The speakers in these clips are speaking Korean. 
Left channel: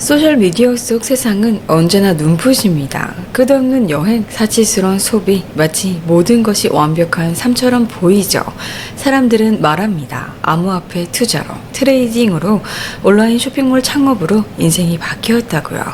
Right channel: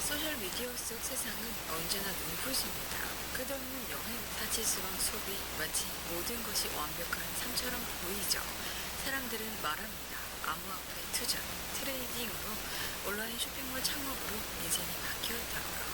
소셜미디어 속 세상은 언제나 눈부십니다. 끝없는 여행, 사치스러운 소비, 마치 모든 것이 완벽한 삶처럼 보이죠. 사람들은 말합니다. 암호화폐 투자로, 트레이딩으로, 온라인 쇼핑몰 창업으로 인생이 바뀌었다고요.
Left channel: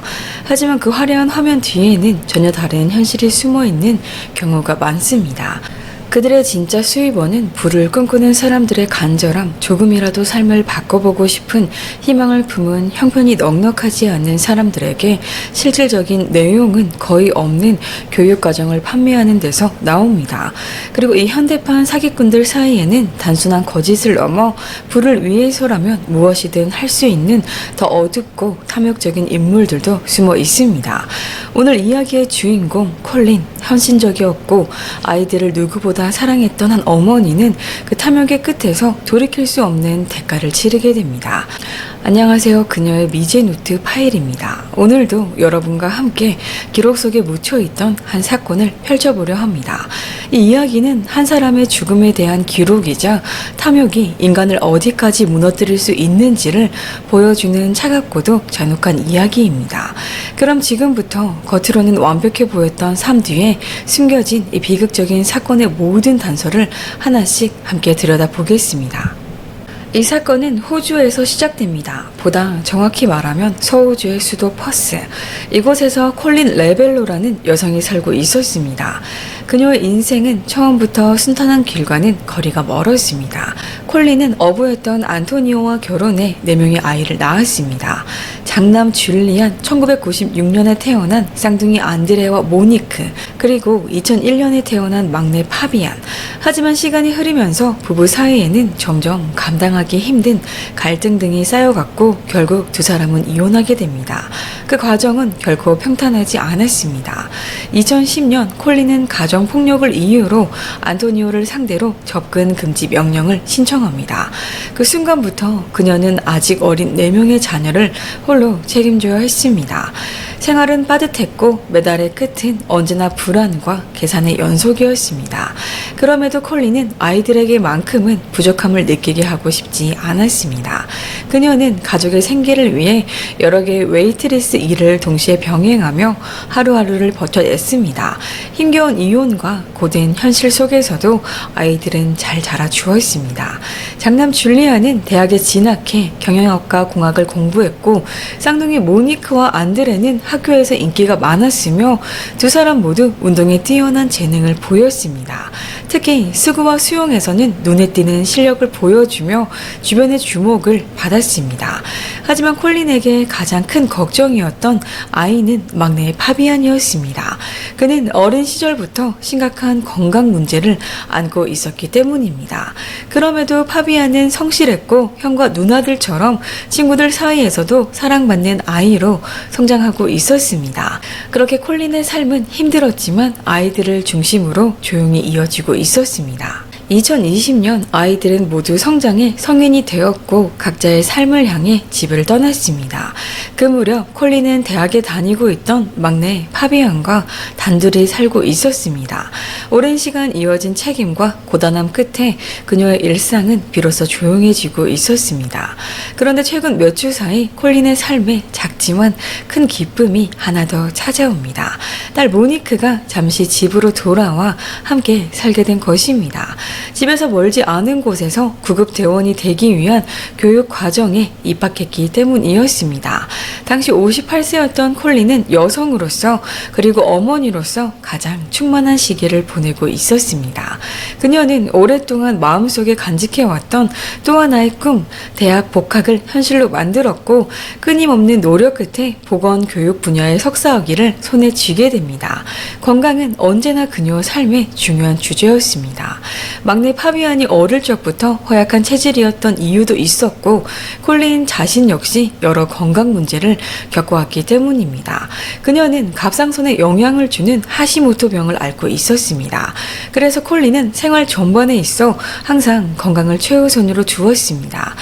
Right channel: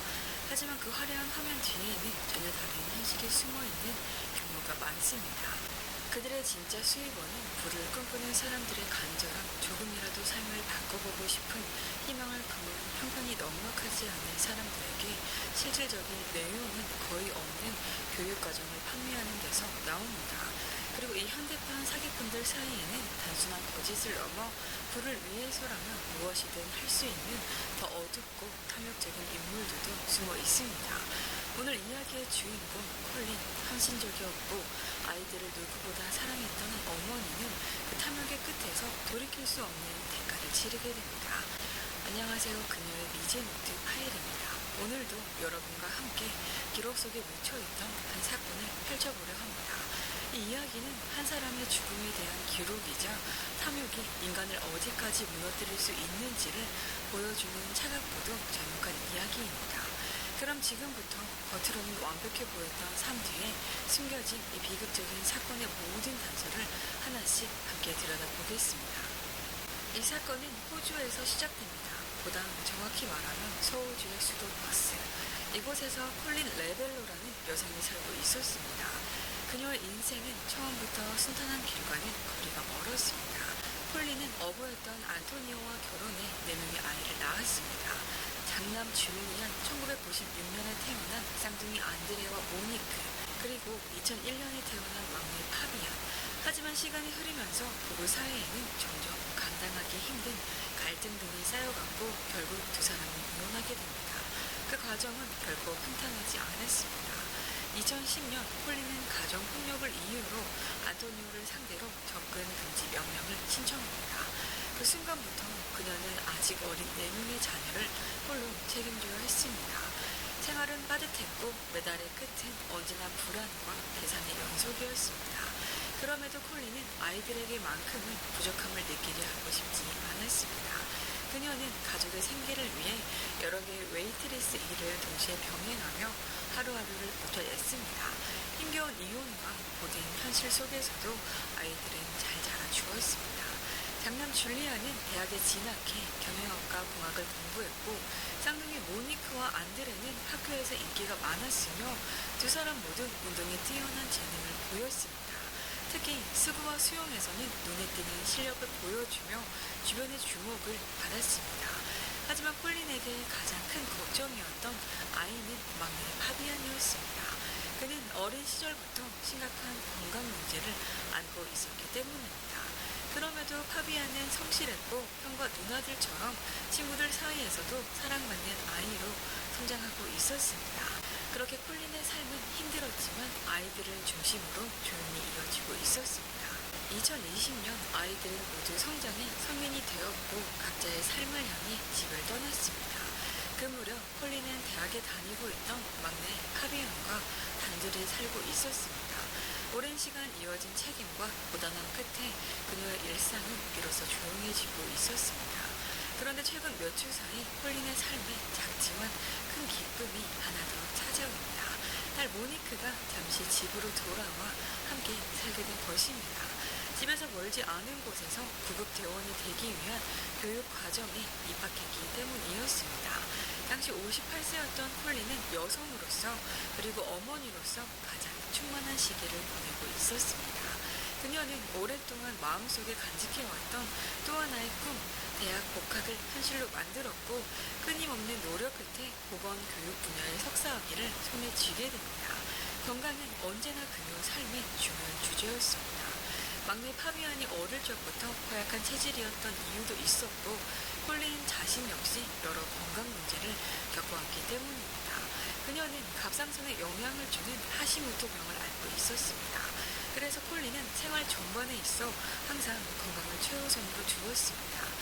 하지만 그 화려한 화면 뒤에는 전혀 다른 현실이 숨어있는 경우가 많습니다. 그들의 진짜 수입원은 불을 꿈꾸는 사람들의 간절함, 조금이라도 삶을 바꿔보고 싶은 희망을 품은 형편이 넉넉하지 않는 사람들에게 실질적인 내용은 거의 없는 교육과정을 판매하는 데서 나옵니다. 그리고 이 현대판 사기꾼들 사이에는 단순한 거짓을 넘어 불을 위해서라면 무엇이든 할 수 있는 더 어둡고 탐욕적인 인물들도 숨어 있습니다. 오늘 이야기의 주인공 콜린, 헌신적이었고 아이들을 누구보다 사랑했던 한 어머니는 그 탐욕의 끝에서 돌이킬 수 없는 대가를 치르게 됩니다. 안녕하세요. 그녀의 미제노트 파일입니다. 오늘도 여러분과 함께 기록 속에 묻혀있던 한 사건을 펼쳐보려 합니다. 이 이야기는 한 사람의 죽음에 대한 기록이자 탐욕이 인간을 어디까지 무너뜨릴 수 있는지를 보여주는 차갑고도 잔혹한 이야기입니다. 그럼 지금부터 겉으로는 완벽해 보였던 삶 뒤에 숨겨진 이 비극적인 사건의 모든 단서를 하나씩 함께 들여다보겠습니다. 이 사건은 호주에서 시작됩니다. 보다 정확히 말하면 서호주의 수도 퍼스. 이곳에서 콜린 레벨로라는 여성이 살고 있었습니다. 그녀의 인생은 처음부터 순탄한 길과는 거리가 멀었습니다. 콜린은 어부였던 안토니오와 결혼해 4명의 아이를 낳았습니다. 장남 줄리안, 1996년에 태어난 쌍둥이 안드레와 모니크, 그리고 2001년에 태어난 막내 파비안. 하지만 시간이 흐르면서 부부 사이에는 점점 감당하기 힘든 갈등 등이 쌓여갔고 결국 두 사람은 이혼하게 됩니다. 그 과정은 결코 평탄하지 않았습니다. 2010년 콜린은 가정폭력을 이유로 안토니오를 상대로 접근 금지 명령을 신청합니다. 그 순간부터 그녀는 아직 어린 4명의 자녀를 홀로 책임져야 했습니다. 생활은 빠듯했고 매달의 끝은 언제나 불안과 계산의 연속이었습니다. 그럼에도 콜린은 아이들에게만큼은 부족함을 느끼게 하고 싶지 않았습니다. 그녀는 가족의 생계를 위해 여러 개의 웨이트리스 일을 동시에 병행하며 하루하루를 버텨냈습니다. 힘겨운 이혼과 고된 현실 속에서도 아이들은 잘 자라주었습니다. 장남 줄리아는 대학에 진학해 경영학과 공학을 공부했고 쌍둥이 모니크와 안드레는 학교에서 인기가 많았으며 두 사람 모두 운동에 뛰어난 재능을 보였습니다. 특히 수구와 수영에서는 눈에 띄는 실력을 보여주며 주변의 주목을 받았습니다. 하지만 콜린에게 가장 큰 걱정이었던 아이는 막내 파비안이었습니다. 그는 어린 시절부터 심각한 건강 문제를 안고 있었기 때문입니다. 그럼에도 파비안은 성실했고 형과 누나들처럼 친구들 사이에서도 사랑받는 아이로 성장하고 있었습니다. 그렇게 콜린의 삶은 힘들었지만 아이들을 중심으로 조용히 이어지고 있었습니다. 2020년 아이들은 모두 성장해 성인이 되었고 각자의 삶을 향해 집을 떠났습니다. 그 무렵 콜린은 대학에 다니고 있던 막내 파비안과 단둘이 살고 있었습니다. 오랜 시간 이어진 책임과 고단함 끝에 그녀의 일상은 비로소 조용해지고 있었습니다. 그런데 최근 몇 주 사이 콜린의 삶에 작지만 큰 기쁨이 하나 더 찾아옵니다. 딸 모니크가 잠시 집으로 돌아와 함께 살게 된 것입니다. 집에서 멀지 않은 곳에서 구급 대원이 되기 위한 교육 과정에 입학했기 때문이었습니다. 당시 58세였던 콜린은 여성으로서 그리고 어머니로서 가장 충만한 시기를 보내고 있었습니다. 그녀는 오랫동안 마음속에 간직해왔던 또 하나의 꿈, 대학 복학을 현실로 만들었고 끊임없는 노력 끝에 보건교육 분야의 석사학위를 손에 쥐게 됩니다. 건강은 언제나 그녀 삶의 중요한 주제였습니다. 막내 파비안이 어릴 적부터 허약한 체질이었던 이유도 있었고 콜린 자신 역시 여러 건강 문제를 겪어왔기 때문입니다. 그녀는 갑상선에 영향을 주는 하시모토 병을 앓고 있었습니다. 그래서 콜린은 생활 전반에 있어 항상 건강을 최우선으로 두었습니다.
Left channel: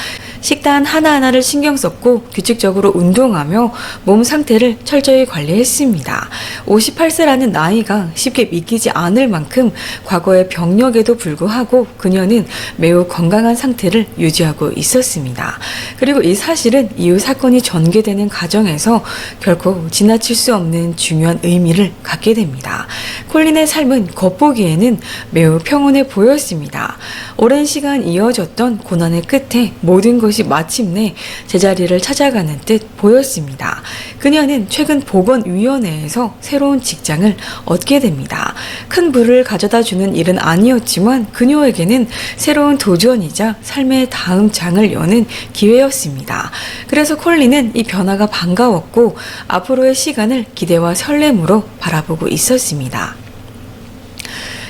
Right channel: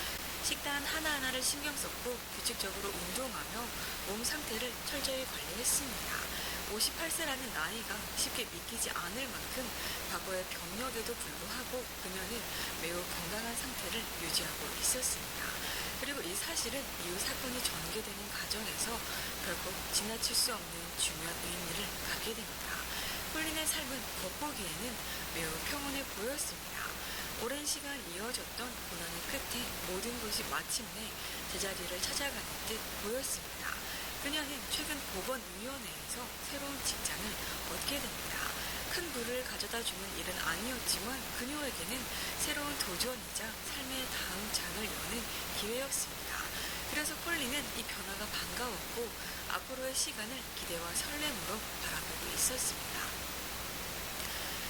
식단 하나하나를 신경 썼고 규칙적으로 운동하며 몸 상태를 철저히 관리했습니다. 58세라는 나이가 쉽게 믿기지 않을 만큼 과거의 병력에도 불구하고 그녀는 매우 건강한 상태를 유지하고 있었습니다. 그리고 이 사실은 이후 사건이 전개되는 과정에서 결코 지나칠 수 없는 중요한 의미를 갖게 됩니다. 콜린의 삶은 겉보기에는 매우 평온해 보였습니다. 오랜 시간 이어졌던 고난의 끝에 모든 것이 마침내 제자리를 찾아가는 듯 보였습니다. 그녀는 최근 보건위원회에서 새로운 직장을 얻게 됩니다. 큰 부를 가져다 주는 일은 아니었지만 그녀에게는 새로운 도전이자 삶의 다음 장을 여는 기회였습니다. 그래서 콜린은 이 변화가 반가웠고 앞으로의 시간을 기대와 설렘으로 바라보고 있었습니다.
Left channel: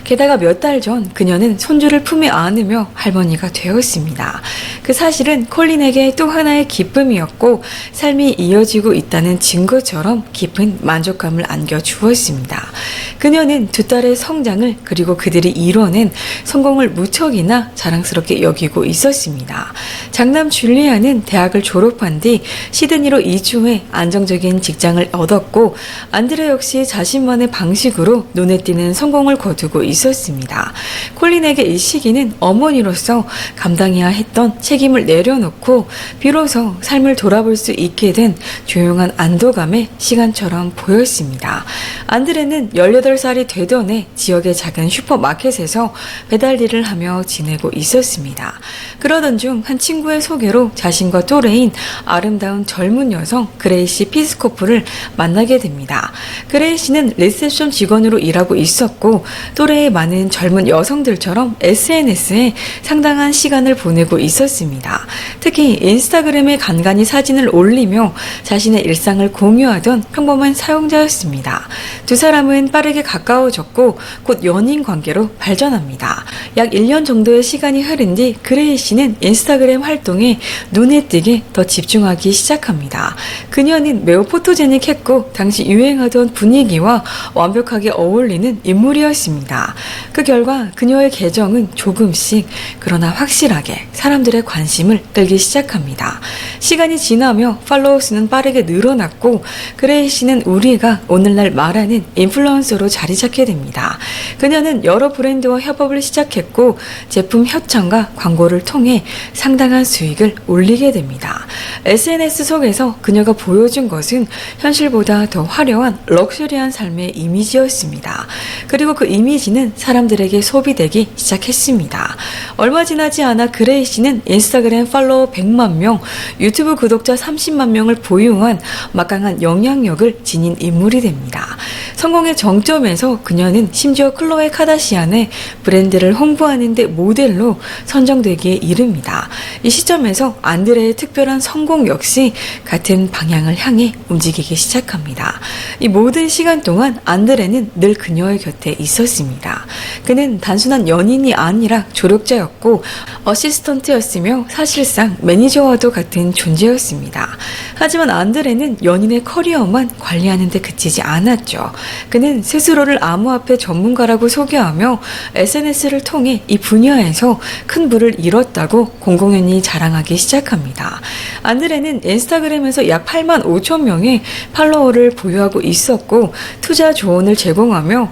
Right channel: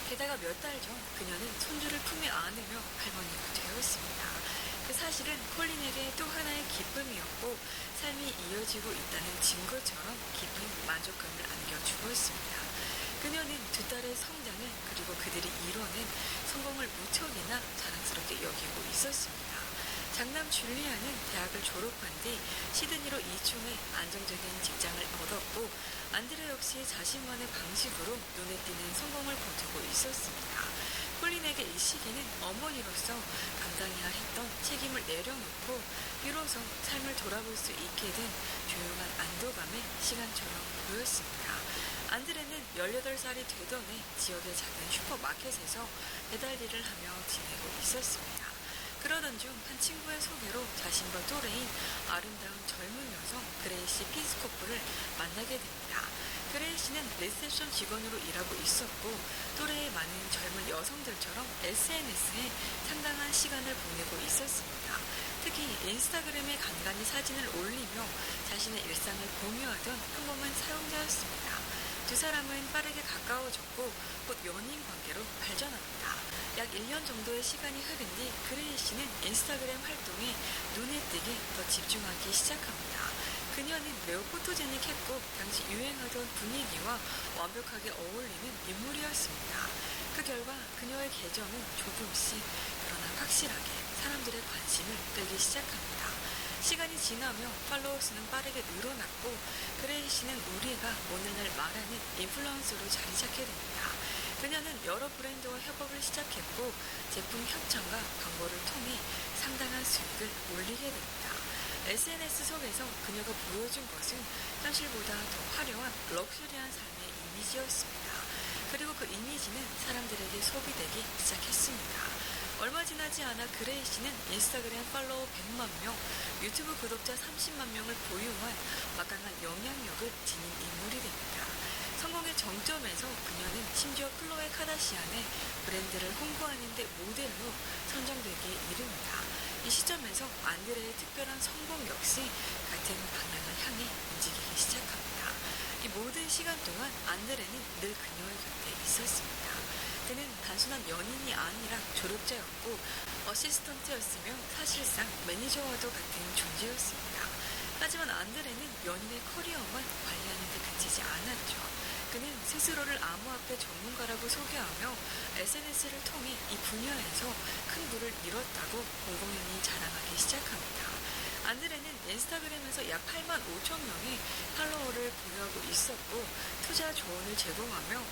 게다가 몇 달 전 그녀는 손주를 품에 안으며 할머니가 되었습니다. 그 사실은 콜린에게 또 하나의 기쁨이었고 삶이 이어지고 있다는 증거처럼 깊은 만족감을 안겨주었습니다. 그녀는 두 딸의 성장을 그리고 그들이 이뤄낸 성공을 무척이나 자랑스럽게 여기고 있었습니다. 장남 줄리아는 대학을 졸업한 뒤 시드니로 이주 해 안정적인 직장을 얻었고 안드레 역시 자신만의 방식으로 눈에 띄는 성공을 거두고 있었습니다. 콜린에게 이 시기는 어머니로서 감당해야 했던 책임을 내려놓고 비로소 삶을 돌아볼 수 있게 된 조용한 안도감의 시간처럼 보였습니다. 안드레는 18살이 되던 해 지역의 작은 슈퍼마켓에서 배달 일을 하며 지내고 있었습니다. 그러던 중 한 친구의 소개로 자신과 또래인 아름다운 젊은 여성 그레이시 피스코프를 만나게 됩니다. 그레이시는 리셉션 직원으로 일하고 있었고 또래의 많은 젊은 여성들처럼 SNS에 상당한 시간을 보내고 있었습니다. 특히 인스타그램에 간간히 사진을 올리며 자신의 일상을 공유하던 평범한 사용자였습니다. 두 사람은 빠르게 가까워졌고 곧 연인 관계로 발전합니다. 약 1년 정도의 시간이 흐른 뒤 그레이시는 인스타그램 활동에 눈에 띄게 더 집중하기 시작합니다. 그녀는 매우 포토제닉했고 당시 유행하던 분위기와 완벽하게 어울리는 인물이었습니다. 그 결과 그녀의 계정은 조금씩 그러나 확실하게 사람들의 관심을 끌기 시작합니다. 시간이 지나며 팔로워 수는 빠르게 늘어났고 그레이시는 우리가 오늘날 말하는 인플루언서로 자리 잡게 됩니다. 그녀는 여러 브랜드와 협업을 시작했고 제품 협찬과 광고를 통해 상당한 수익을 올리게 됩니다. SNS 속에서 그녀가 보여준 것은 현실보다 더 화려한 럭셔리한 삶의 이미지였습니다. 그리고 그 이미지는 사람들에게 소비되기 시작했습니다. 얼마 지나지 않아 그레이시는 인스타그램 팔로워 100만 명, 유튜브 구독자 30만 명을 보유한 막강한 영향력을 지닌 인물이 됩니다. 성공의 정점에서 그녀는 심지어 클로에 카다시안의 브랜드를 홍보하는 데 모델로 선정되기에 이릅니다. 이 시점에서 안드레의 특별한 성공 역시 같은 방향을 향해 움직이기 시작합니다. 이 모든 시간 동안 안드레는 늘 그녀의 곁에 있었습니다. 그는 단순한 연인이 아니라 조력자였고 어시스턴트였으며 사실상 매니저와도 같은 존재였습니다. 하지만 안드레는 연인의 커리어만 관리하는 데 그치지 않았죠. 그는 스스로를 암호화폐 전문가라고 소개하며 SNS를 통해 이 분야에서 큰 부를 이뤘다고 공공연히 자랑하기 시작합니다. 안드레는 인스타그램에서 약 8만 5천 명의 팔로워를 보유하고 있었고 투자 조언을 제공하며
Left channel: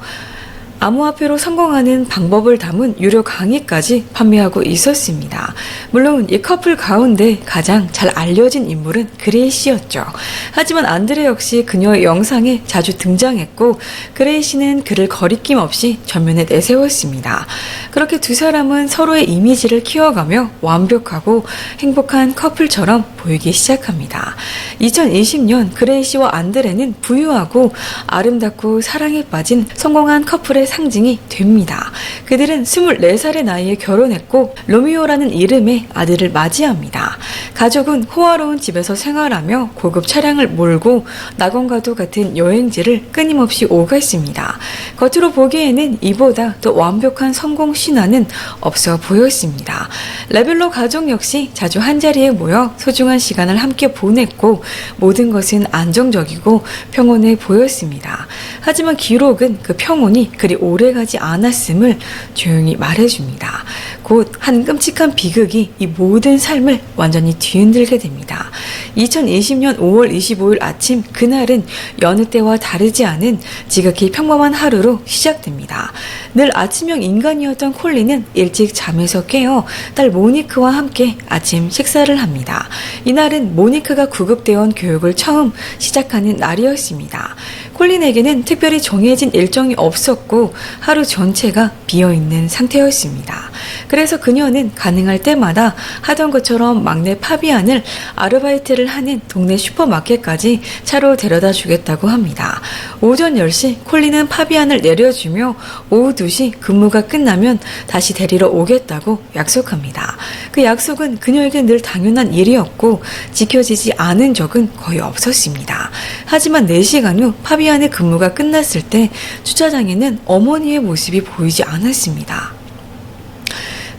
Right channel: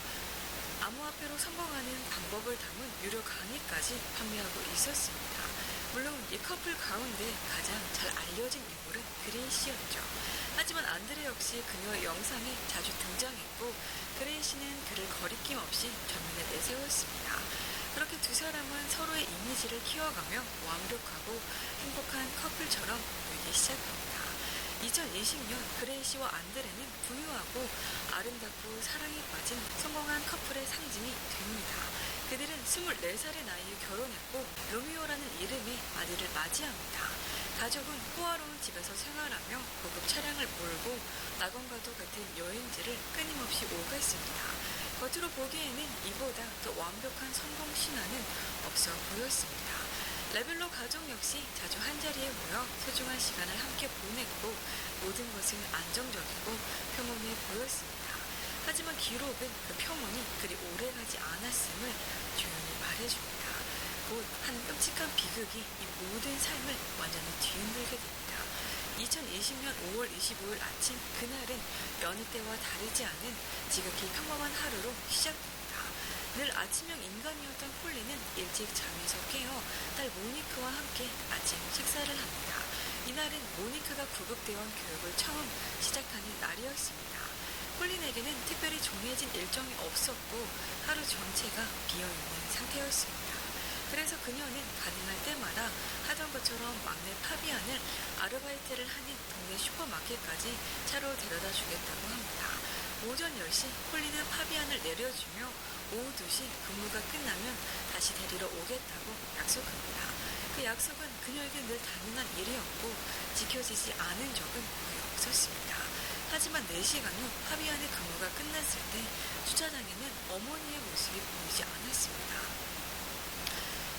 암호화폐로 성공하는 방법을 담은 유료 강의까지 판매하고 있었습니다. 물론 이 커플 가운데 가장 잘 알려진 인물은 그레이시였죠. 하지만 안드레 역시 그녀의 영상에 자주 등장했고 그레이시는 그를 거리낌 없이 전면에 내세웠습니다. 그렇게 두 사람은 서로의 이미지를 키워가며 완벽하고 행복한 커플처럼 보이기 시작합니다. 2020년 그레이시와 안드레는 부유하고 아름답고 사랑에 빠진 성공한 커플의 상징이 됩니다. 그들은 24살의 나이에 결혼했고 로미오라는 이름의 아들을 맞이합니다. 가족은 호화로운 집에서 생활하며 고급 차량을 몰고 낙원과도 같은 여행지를 끊임없이 오갔습니다. 겉으로 보기에는 이보다 더 완벽한 성공 신화는 없어 보였습니다. 레벨로 가족 역시 자주 한자리에 모여 소중한 시간을 함께 보냈고 모든 것은 안정적이고 평온해 보였습니다. 하지만 기록은 그 평온이 그리 오래가지 않았음을 조용히 말해줍니다. 곧 한 끔찍한 비극이 이 모든 삶을 완전히 뒤흔들게 됩니다. 2020년 5월 25일 아침, 그날은 여느 때와 다르지 않은 지극히 평범한 하루로 시작됩니다. 늘 아침형 인간이었던 콜린은 일찍 잠에서 깨어 딸 모니크와 함께 아침 식사를 합니다. 이날은 모니크가 구급대원 교육을 처음 시작하는 날이었습니다. 콜린에게는 특별히 정해진 일정이 없었고 하루 전체가 비어있는 상태였습니다. 그래서 그녀는 가능할 때마다 하던 것처럼 막내 파비안을 아르바이트를 하는 동네 슈퍼마켓까지 차로 데려다 주겠다고 합니다. 오전 10시 콜린은 파비안을 내려주며 오후 2시 근무가 끝나면 다시 데리러 오겠다고 약속합니다. 그 약속은 그녀에게 늘 당연한 일이었고 지켜지지 않은 적은 거의 없었습니다. 하지만 4시간 후 파비안의 근무가 끝났을 때 주차장에는 어머니의 모습이 보이지 않았습니다.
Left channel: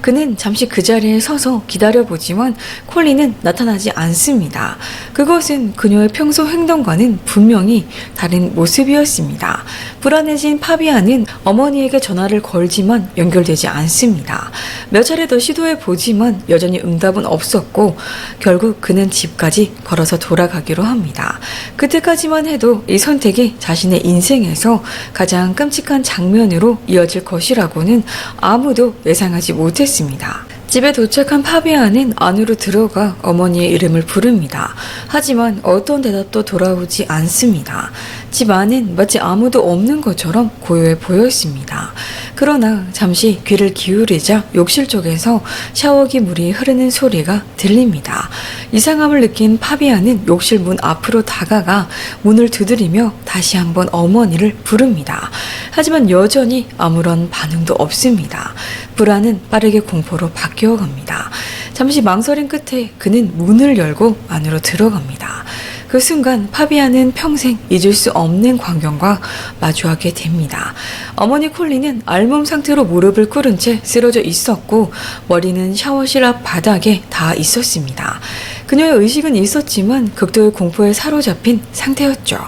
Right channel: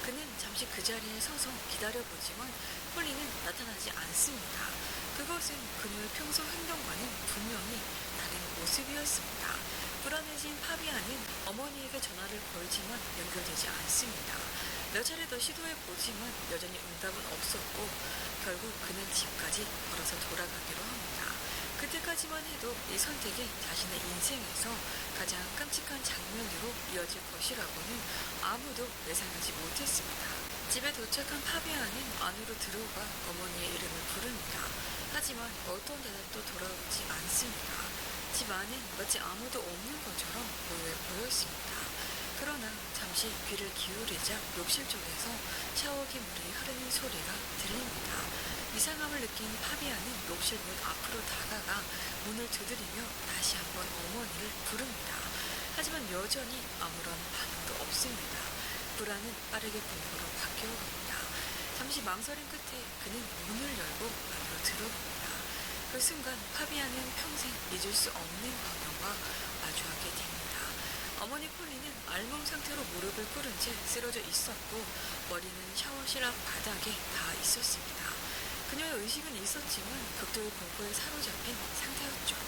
그는 잠시 그 자리에 서서 기다려보지만 콜린은 나타나지 않습니다. 그것은 그녀의 평소 행동과는 분명히 다른 모습이었습니다. 불안해진 파비안은 어머니에게 전화를 걸지만 연결되지 않습니다. 몇 차례 더 시도해보지만 여전히 응답은 없었고 결국 그는 집까지 걸어서 돌아가기로 합니다. 그때까지만 해도 이 선택이 자신의 인생에서 가장 끔찍한 장면으로 이어질 것이라고는 아무도 예상하지 못했습니다. 집에 도착한 파비안은 안으로 들어가 어머니의 이름을 부릅니다. 하지만 어떤 대답도 돌아오지 않습니다. 집 안은 마치 아무도 없는 것처럼 고요해 보였습니다. 그러나 잠시 귀를 기울이자 욕실 쪽에서 샤워기 물이 흐르는 소리가 들립니다. 이상함을 느낀 파비안은 욕실 문 앞으로 다가가 문을 두드리며 다시 한번 어머니를 부릅니다. 하지만 여전히 아무런 반응도 없습니다. 불안은 빠르게 공포로 바뀌어갑니다. 잠시 망설임 끝에 그는 문을 열고 안으로 들어갑니다. 그 순간 파비안은 평생 잊을 수 없는 광경과 마주하게 됩니다. 어머니 콜린은 알몸 상태로 무릎을 꿇은 채 쓰러져 있었고 머리는 샤워실 앞 바닥에 닿아 있었습니다. 그녀의 의식은 있었지만 극도의 공포에 사로잡힌 상태였죠.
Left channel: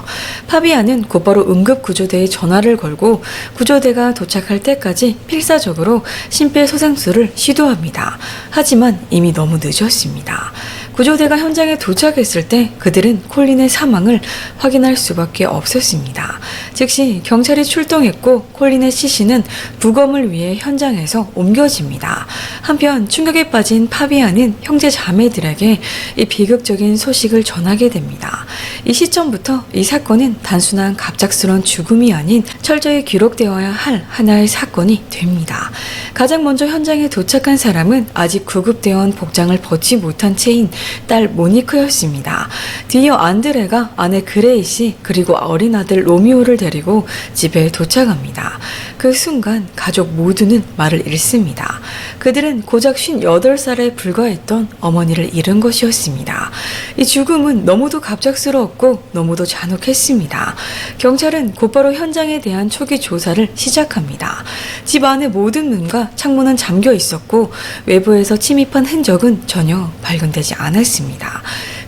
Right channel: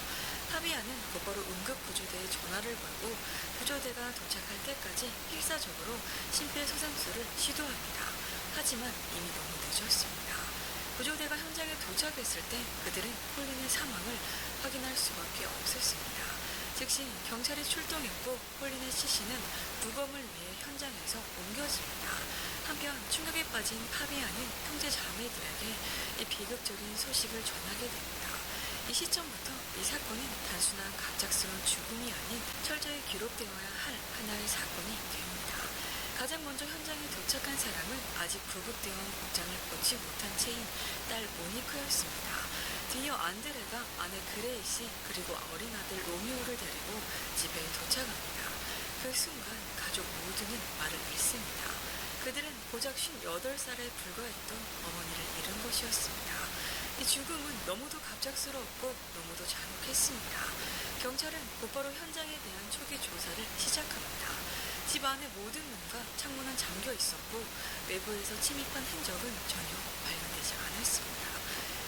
파비안은 곧바로 응급구조대에 전화를 걸고 구조대가 도착할 때까지 필사적으로 심폐소생술을 시도합니다. 하지만 이미 너무 늦었습니다. 구조대가 현장에 도착했을 때 그들은 콜린의 사망을 확인할 수밖에 없었습니다. 즉시 경찰이 출동했고 콜린의 시신은 부검을 위해 현장에서 옮겨집니다. 한편 충격에 빠진 파비안은 형제 자매들에게 이 비극적인 소식을 전하게 됩니다. 이 시점부터 이 사건은 단순한 갑작스러운 죽음이 아닌 철저히 기록되어야 할 하나의 사건이 됩니다. 가장 먼저 현장에 도착한 사람은 아직 구급대원 복장을 벗지 못한 채인 딸 모니크였습니다. 뒤이어 안드레가 아내 그레이시 그리고 어린 아들 로미오를 데리고 집에 도착합니다. 그 순간 가족 모두는 말을 잃습니다. 그들은 고작 58살에 불과했던 어머니를 잃은 것이었습니다. 이 죽음은 너무도 갑작스러웠고 너무도 잔혹했습니다. 경찰은 곧바로 현장에 대한 초기 조사를 시작합니다. 집 안의 모든 문과 창문은 잠겨 있었고 외부에서 침입한 흔적은 전혀 발견되지 않았습니다.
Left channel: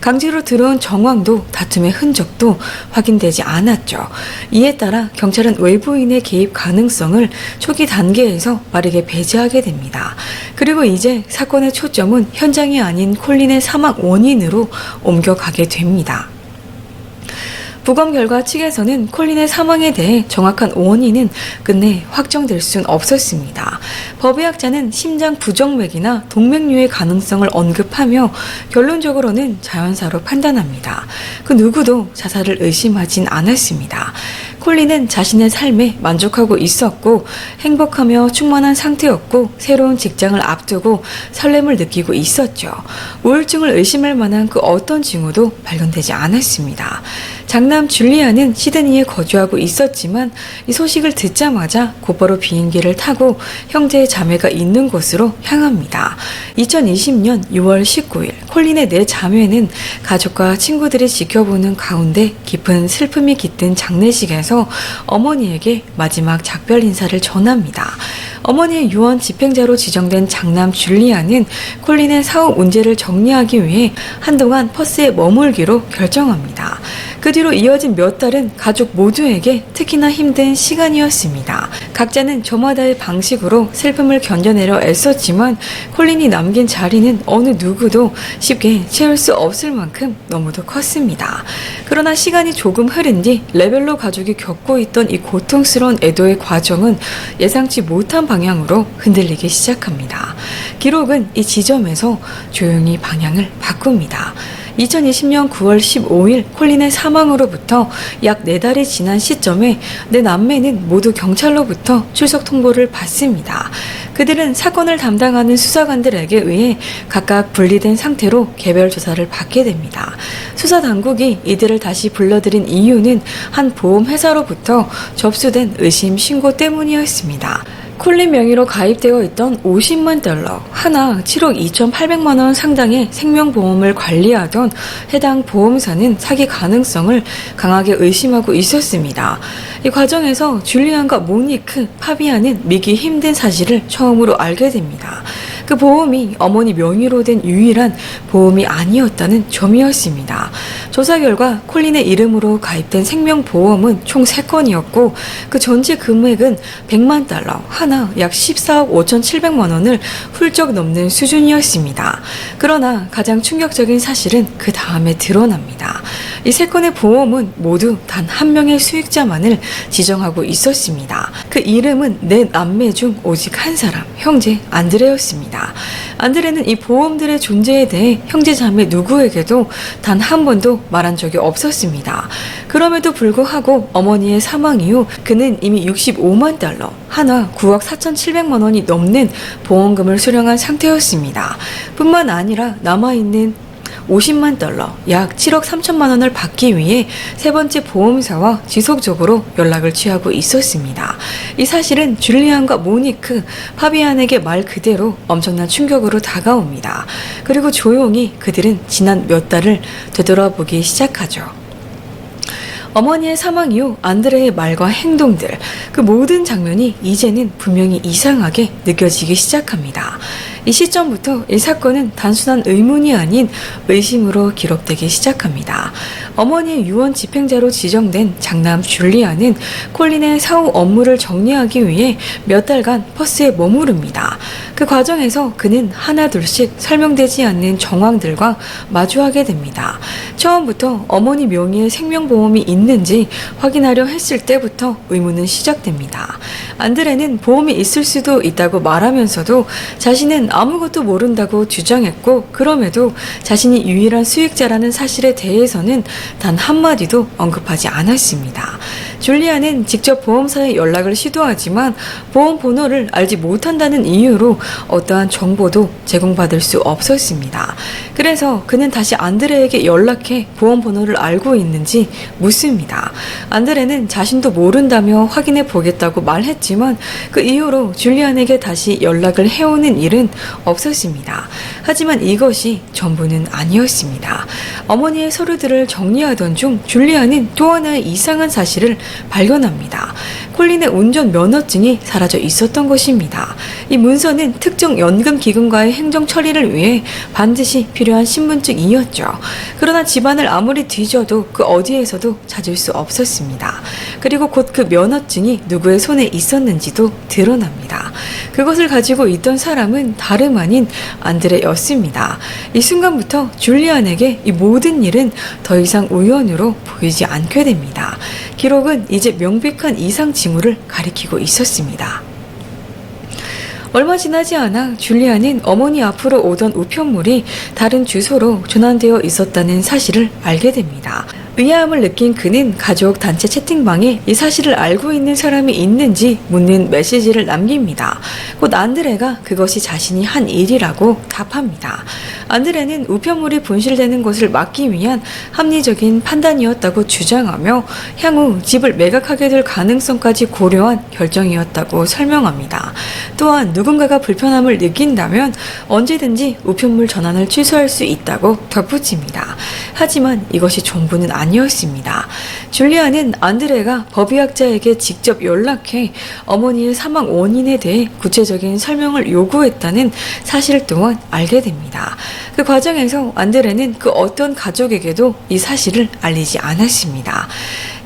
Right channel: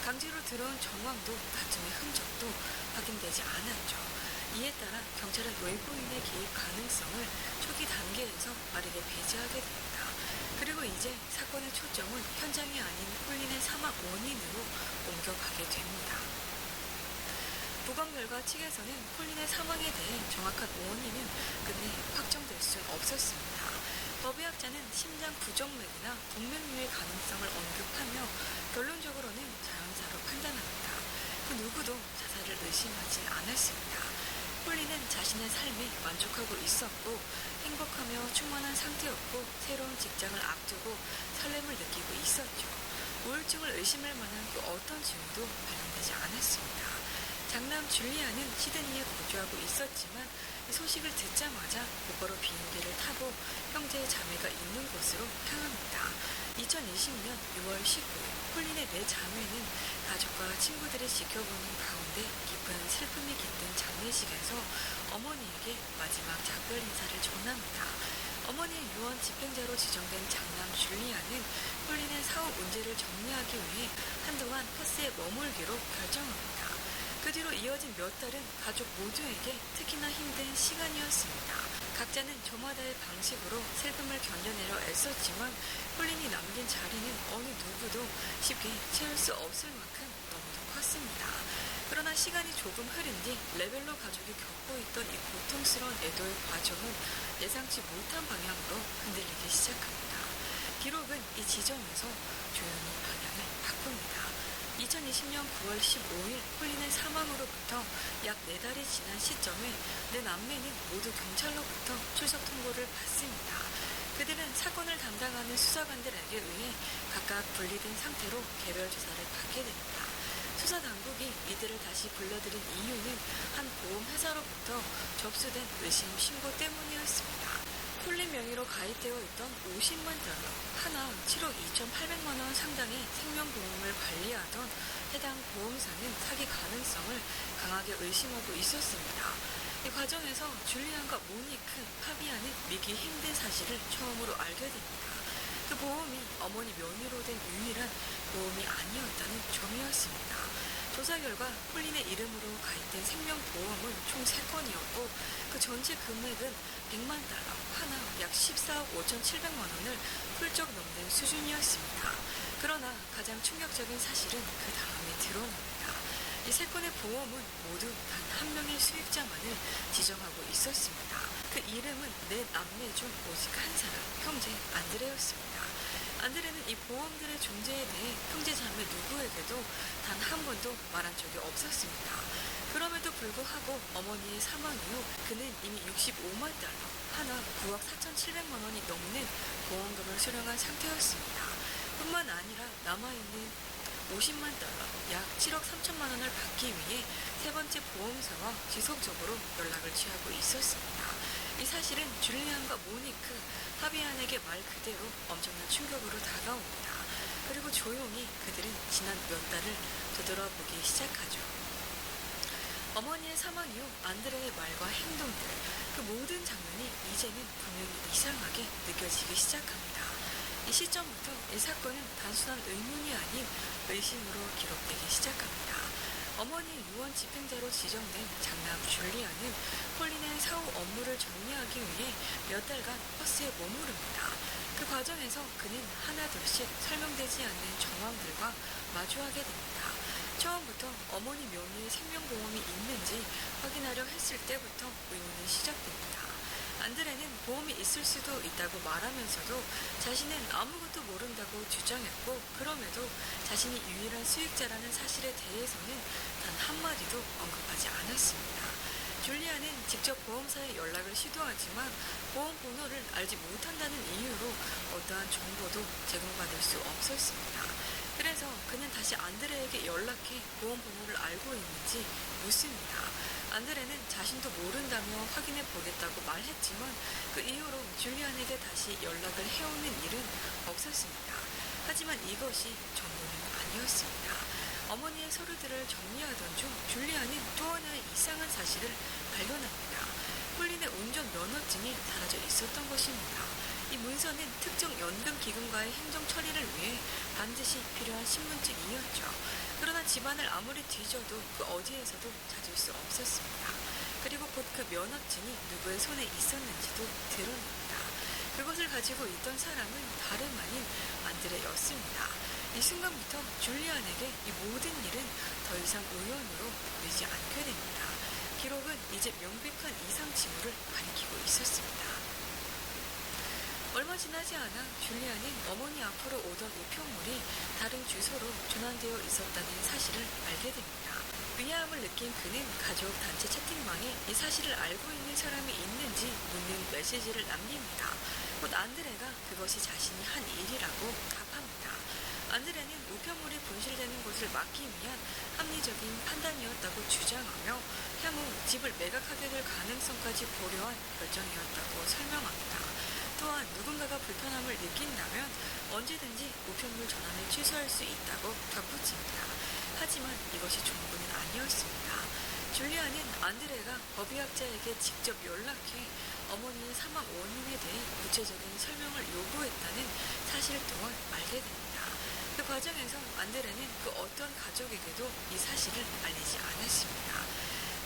강제로 들어온 정황도 다툼의 흔적도 확인되지 않았죠. 이에 따라 경찰은 외부인의 개입 가능성을 초기 단계에서 빠르게 배제하게 됩니다. 그리고 이제 사건의 초점은 현장이 아닌 콜린의 사망 원인으로 옮겨가게 됩니다. 부검 결과 측에서는 콜린의 사망에 대해 정확한 원인은 끝내 확정될 순 없었습니다. 법의학자는 심장 부정맥이나 동맥류의 가능성을 언급하며 결론적으로는 자연사로 판단합니다. 그 누구도 자살을 의심하진 않았습니다. 콜린은 자신의 삶에 만족하고 있었고 행복하며 충만한 상태였고 새로운 직장을 앞두고 설렘을 느끼고 있었죠. 우울증을 의심할 만한 그 어떤 징후도 발견되지 않았습니다. 장남 줄리아는 시드니에 거주하고 있었지만 이 소식을 듣자마자 곧바로 비행기를 타고 형제의 자매가 있는 곳으로 향합니다. 2020년 6월 19일 콜린의 4자매는 가족과 친구들이 지켜보는 가운데 깊은 슬픔이 깃든 장례식에서 어머니에게 마지막 작별 인사를 전합니다. 어머니의 유언 집행자로 지정된 장남 줄리아는 콜린의 사후 문제를 정리하기 위해 한동안 퍼스에 머물기로 결정합니다. 그 뒤로 이어진 몇 달은 가족 모두에게 특히나 힘든 시간이었습니다. 각자는 저마다의 방식으로 슬픔을 견뎌내려 애썼지만 콜린이 남긴 자리는 어느 누구도 쉽게 채울 수 없을 만큼 너무도 컸습니다. 그러나 시간이 조금 흐른 뒤 레벨로 가족이 겪고 있던 이 고통스러운 애도의 과정은 예상치 못한 방향으로 흔들리기 시작합니다. 기록은 이 지점에서 조용히 방향을 바꿉니다. 2020년 9월 15일 콜린의 사망으로부터 약 4달이 지난 시점에 네 남매는 모두 경찰로부터 출석 통보를 받습니다. 그들은 사건을 담당하는 수사관들에게 의해 각각 분리된 상태로 개별 조사를 받게 됩니다. 수사 당국이 이들을 다시 불러들인 이유는 한 보험회사로부터 접수된 의심 신고 때문이었습니다. 콜린 명의로 가입되어 있던 $50만, 하나 7억 2,800만 원 상당의 생명보험을 관리하던 해당 보험사는 사기 가능성을 강하게 의심하고 있었습니다. 이 과정에서 줄리안과 모니크, 파비아는 믿기 힘든 사실을 처음으로 알게 됩니다. 그 보험이 어머니 명의로 된 유일한 보험이 아니었다는 점이었습니다. 조사 결과 콜린의 이름으로 가입된 생명보험은 총 3건이었고 그 전체 금액은 $100만, 하나 약 14억 5,700만 원을 훌쩍 넘는 수준이었습니다. 그러나 가장 충격적인 사실은 그 다음에 드러납니다. 이 3건의 보험은 모두 단 한 명의 수익자만을 지정하고 있었습니다. 그 이름은 네 남매 중 오직 한 사람, 형제 안드레였습니다. 안드레는 이 보험들의 존재에 대해 형제자매 누구에게도 단 한 번도 말한 적이 없었습니다. 그럼에도 불구하고 어머니의 사망 이후 그는 이미 $65만, 하나 9억 4,700만 원이 넘는 보험금을 수령한 상태였습니다. 뿐만 아니라 남아있는 $50만, 약 7억 3천만 원을 받기 위해 세 번째 보험사와 지속적으로 연락을 취하고 있었습니다. 이 사실은 줄리안과 모니크, 파비안에게 말 그대로 엄청난 충격으로 다가옵니다. 그리고 조용히 그들은 지난 몇 달을 되돌아보기 시작하죠. 어머니의 사망 이후 안드레의 말과 행동들, 그 모든 장면이 이제는 분명히 이상하게 느껴지기 시작합니다. 이 시점부터 이 사건은 단순한 의문이 아닌 의심으로 기록되기 시작합니다. 어머니의 유언 집행자로 지정된 장남 줄리안은 콜린의 사후 업무를 정리하기 위해 몇 달간 퍼스에 머무릅니다. 그 과정에서 그는 하나둘씩 설명되지 않는 정황들과 마주하게 됩니다. 처음부터 어머니 명의의 생명보험이 있는지 확인하려 했을 때부터 의문은 시작됩니다. 안드레는 보험이 있을 수도 있다고 말하면서도 자신은 아무것도 모른다고 주장했고, 그럼에도 자신이 유일한 수익자라는 사실에 대해서는 단 한마디도 언급하지 않았습니다. 줄리안은 직접 보험사에 연락을 시도하지만 보험 번호를 알지 못한다는 이유로 어떠한 정보도 제공받을 수 없었습니다. 그래서 그는 다시 안드레에게 연락해 보험 번호를 알고 있는지 묻습니다. 안드레는 자신도 모른다며 확인해 보겠다고 말했지만 그 이후로 줄리안에게 다시 연락을 해오는 일은 없었습니다. 하지만 이것이 전부는 아니었습니다. 어머니의 서류들을 정리하던 중 줄리안은 또 하나의 이상한 사실을 발견합니다. 콜린의 운전 면허증이 사라져 있었던 것입니다. 이 문서는 특정 연금기금과의 행정 처리를 위해 반드시 필요한 신분증이었죠. 그러나 집안을 아무리 뒤져도 그 어디에서도 찾을 수 없었습니다. 그리고 곧 그 면허증이 누구의 손에 있었는지도 드러납니다. 그것을 가지고 있던 사람은 다름 아닌 안드레였습니다. 이 순간부터 줄리안에게 이 모든 일은 더 이상 우연으로 보이지 않게 됩니다. 기록은 이제 명백한 이상 징후를 가리키고 있었습니다. 얼마 지나지 않아 줄리안은 어머니 앞으로 오던 우편물이 다른 주소로 전환되어 있었다는 사실을 알게 됩니다. 의아함을 느낀 그는 가족 단체 채팅방에 이 사실을 알고 있는 사람이 있는지 묻는 메시지를 남깁니다. 곧 안드레가 그것이 자신이 한 일이라고 답합니다. 안드레는 우편물이 분실되는 것을 막기 위한 합리적인 판단이었다고 주장하며 향후 집을 매각하게 될 가능성까지 고려한 결정이었다고 설명합니다. 또한 누군가가 불편함을 느낀다면 언제든지 우편물 전환을 취소할 수 있다고 덧붙입니다. 하지만 이것이 전부는 아니었습니다. 줄리안은 안드레가 법의학자에게 직접 연락해 어머니의 사망 원인에 대해 구체적인 설명을 요구했다는 사실 또한 알게 됩니다. 그 과정에서 안드레는 그 어떤 가족에게도 이 사실을 알리지 않았습니다.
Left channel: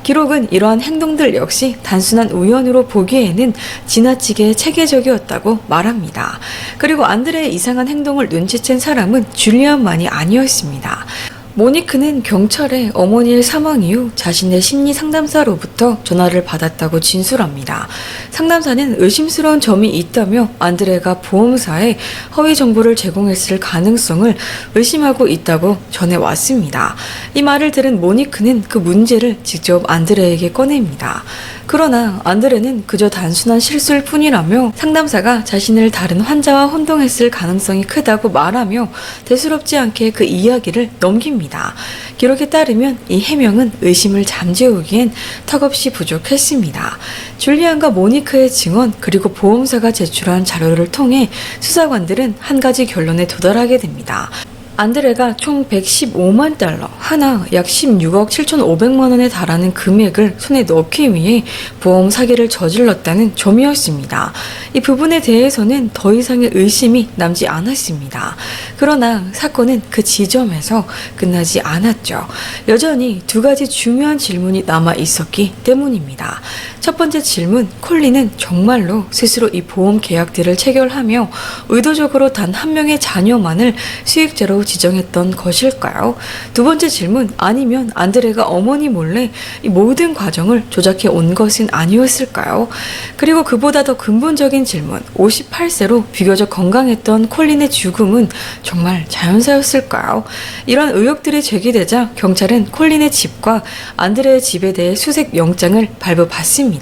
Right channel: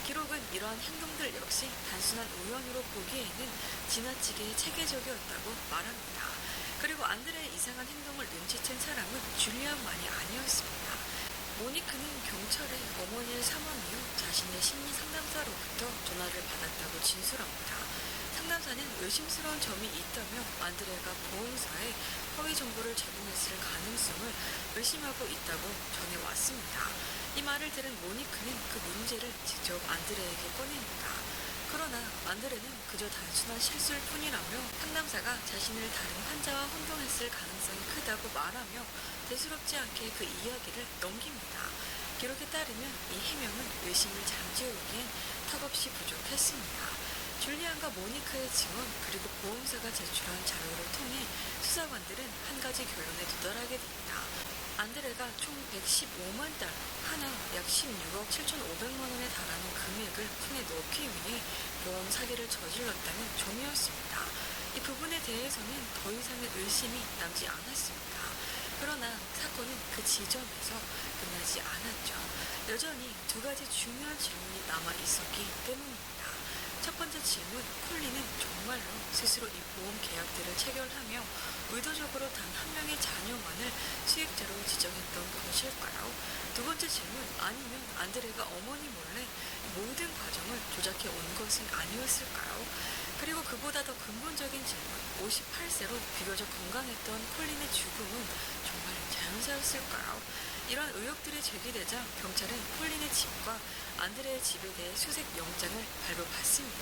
기록은 이러한 행동들 역시 단순한 우연으로 보기에는 지나치게 체계적이었다고 말합니다. 그리고 안드레의 이상한 행동을 눈치챈 사람은 줄리안만이 아니었습니다. 모니크는 경찰에 어머니의 사망 이후 자신의 심리 상담사로부터 전화를 받았다고 진술합니다. 상담사는 의심스러운 점이 있다며 안드레가 보험사에 허위 정보를 제공했을 가능성을 의심하고 있다고 전해왔습니다. 이 말을 들은 모니크는 그 문제를 직접 안드레에게 꺼냅니다. 그러나 안드레는 그저 단순한 실수일 뿐이라며 상담사가 자신을 다른 환자와 혼동했을 가능성이 크다고 말하며 대수롭지 않게 그 이야기를 넘깁니다. 기록에 따르면 이 해명은 의심을 잠재우기엔 턱없이 부족했습니다. 줄리안과 모니크의 증언 그리고 보험사가 제출한 자료를 통해 수사관들은 한 가지 결론에 도달하게 됩니다. 안드레가 총 115만 달러, 하나 약 16억 7,500만 원에 달하는 금액을 손에 넣기 위해 보험 사기를 저질렀다는 점이었습니다. 이 부분에 대해서는 더 이상의 의심이 남지 않았습니다. 그러나 사건은 그 지점에서 끝나지 않았죠. 여전히 두 가지 중요한 질문이 남아 있었기 때문입니다. 첫 번째 질문, 콜린은 정말로 스스로 이 보험 계약들을 체결하며 의도적으로 단 한 명의 자녀만을 수익자로 지정했던 것일까요? 두 번째 질문, 아니면 안드레가 어머니 몰래 이 모든 과정을 조작해 온 것은 아니었을까요? 그리고 그보다 더 근본적인 질문, 58세로 비교적 건강했던 콜린의 죽음은 정말 자연사였을까요? 이런 의혹들이 제기되자 경찰은 콜린의 집과 안드레의 집에 대해 수색 영장을 발부받습니다.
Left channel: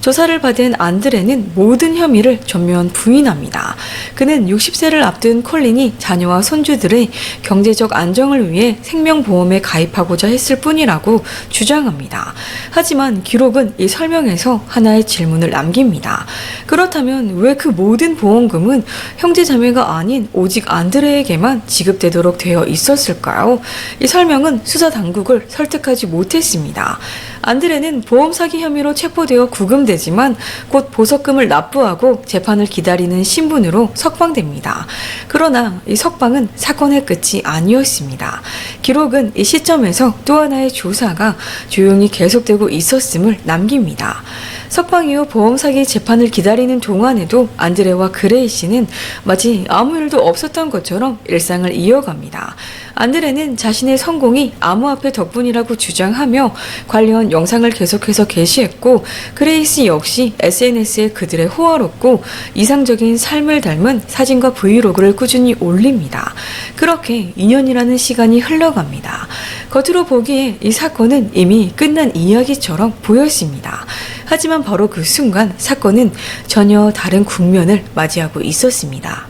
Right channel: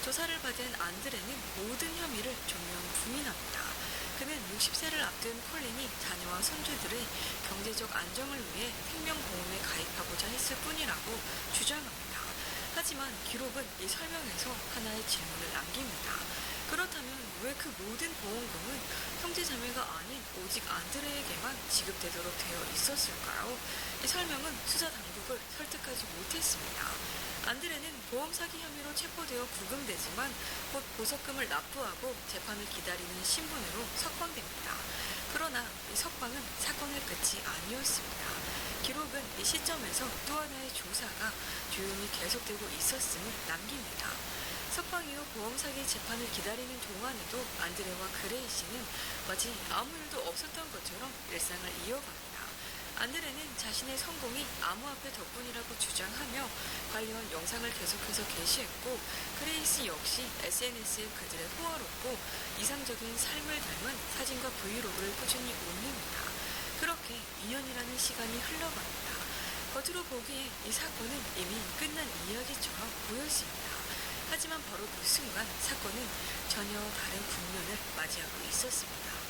조사를 받은 안드레는 모든 혐의를 전면 부인합니다. 그는 60세를 앞둔 콜린이 자녀와 손주들의 경제적 안정을 위해 생명보험에 가입하고자 했을 뿐이라고 주장합니다. 하지만 기록은 이 설명에서 하나의 질문을 남깁니다. 그렇다면 왜 그 모든 보험금은 형제자매가 아닌 오직 안드레에게만 지급되도록 되어 있었을까요? 이 설명은 수사 당국을 설득하지 못했습니다. 안드레는 보험 사기 혐의로 체포되어 구금되지만 곧 보석금을 납부하고 재판을 기다리는 신분으로 석방됩니다. 그러나 이 석방은 사건의 끝이 아니었습니다. 기록은 이 시점에서 또 하나의 조사가 조용히 계속되고 있었음을 남깁니다. 석방 이후 보험 사기 재판을 기다리는 동안에도 안드레와 그레이시는 마치 아무 일도 없었던 것처럼 일상을 이어갑니다. 안드레는 자신의 성공이 암호화폐 덕분이라고 주장하며 관련 영상을 계속해서 게시했고, 그레이시 역시 SNS에 그들의 호화롭고 이상적인 삶을 닮은 사진과 브이로그를 꾸준히 올립니다. 그렇게 2년이라는 시간이 흘러갑니다. 겉으로 보기에 이 사건은 이미 끝난 이야기처럼 보였습니다. 하지만 바로 그 순간 사건은 전혀 다른 국면을 맞이하고 있었습니다.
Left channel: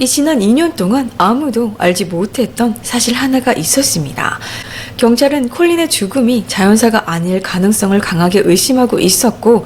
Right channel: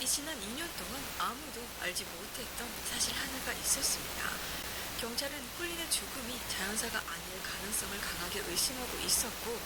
이 지난 2년 동안 아무도 알지 못했던 사실 하나가 있었습니다. 경찰은 콜린의 죽음이 자연사가 아닐 가능성을 강하게 의심하고 있었고,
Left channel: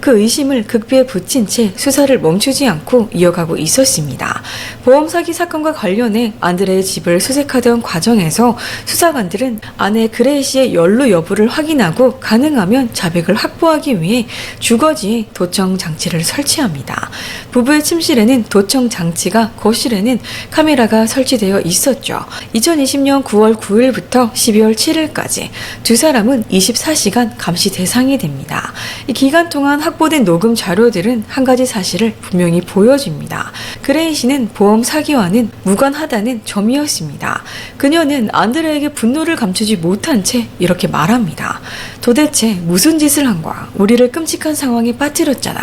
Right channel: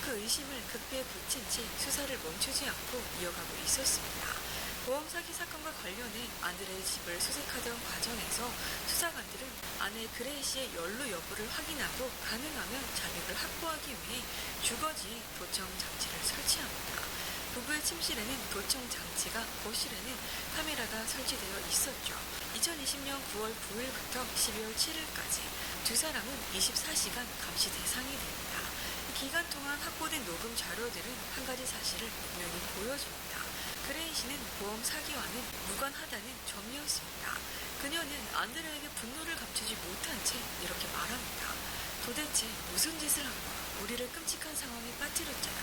그 의심을 극비에 붙인 채 수사를 멈추지 않고 이어가고 있었습니다. 보험 사기 사건과 관련해 안드레의 집을 수색하던 과정에서 수사관들은 아내 그레이시의 연루 여부를 확인하고 가능하면 자백을 확보하기 위해 주거지에 도청 장치를 설치합니다. 부부의 침실에는 도청 장치가, 거실에는 카메라가 설치되어 있었죠. 2020년 9월 9일부터 12월 7일까지 두 사람은 24시간 감시 대상이 됩니다. 이 기간 동안 확보된 녹음 자료들은 한 가지 사실을 분명히 보여줍니다. 그레이시는 보험 사기와는 무관하다는 점이었습니다. 그녀는 안드레에게 분노를 감추지 못한 채 이렇게 말합니다. 도대체 무슨 짓을 한 거야? 우리를 끔찍한 상황에 빠뜨렸잖아.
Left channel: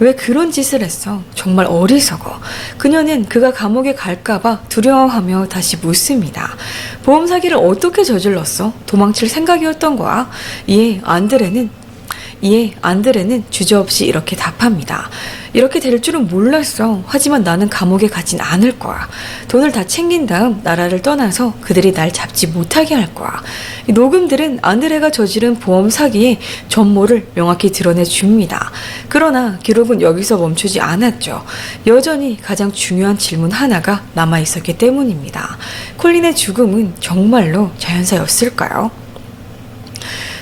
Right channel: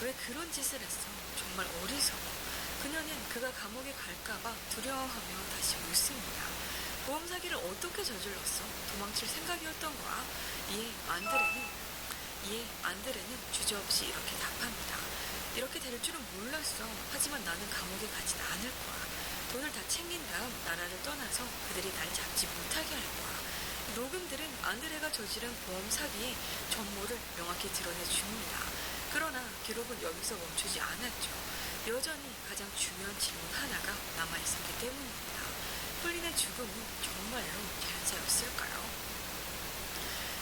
왜 그런 짓을 했어? 정말 어리석어. 그녀는 그가 감옥에 갈까봐 두려워하며 다시 묻습니다. 보험 사기를 어떻게 저질렀어? 도망칠 생각이었던 거야? 이에 안드레는 주저없이 이렇게 답합니다. 이렇게 될 줄은 몰랐어. 하지만 나는 감옥에 가진 않을 거야. 돈을 다 챙긴 다음 나라를 떠나서 그들이 날 잡지 못하게 할 거야. 이 녹음들은 안드레가 저지른 보험 사기의 전모를 명확히 드러내줍니다. 그러나 기록은 여기서 멈추지 않았죠. 여전히 가장 중요한 질문 하나가 남아있었기 때문입니다. 콜린의 죽음은 정말로 자연사였을까요?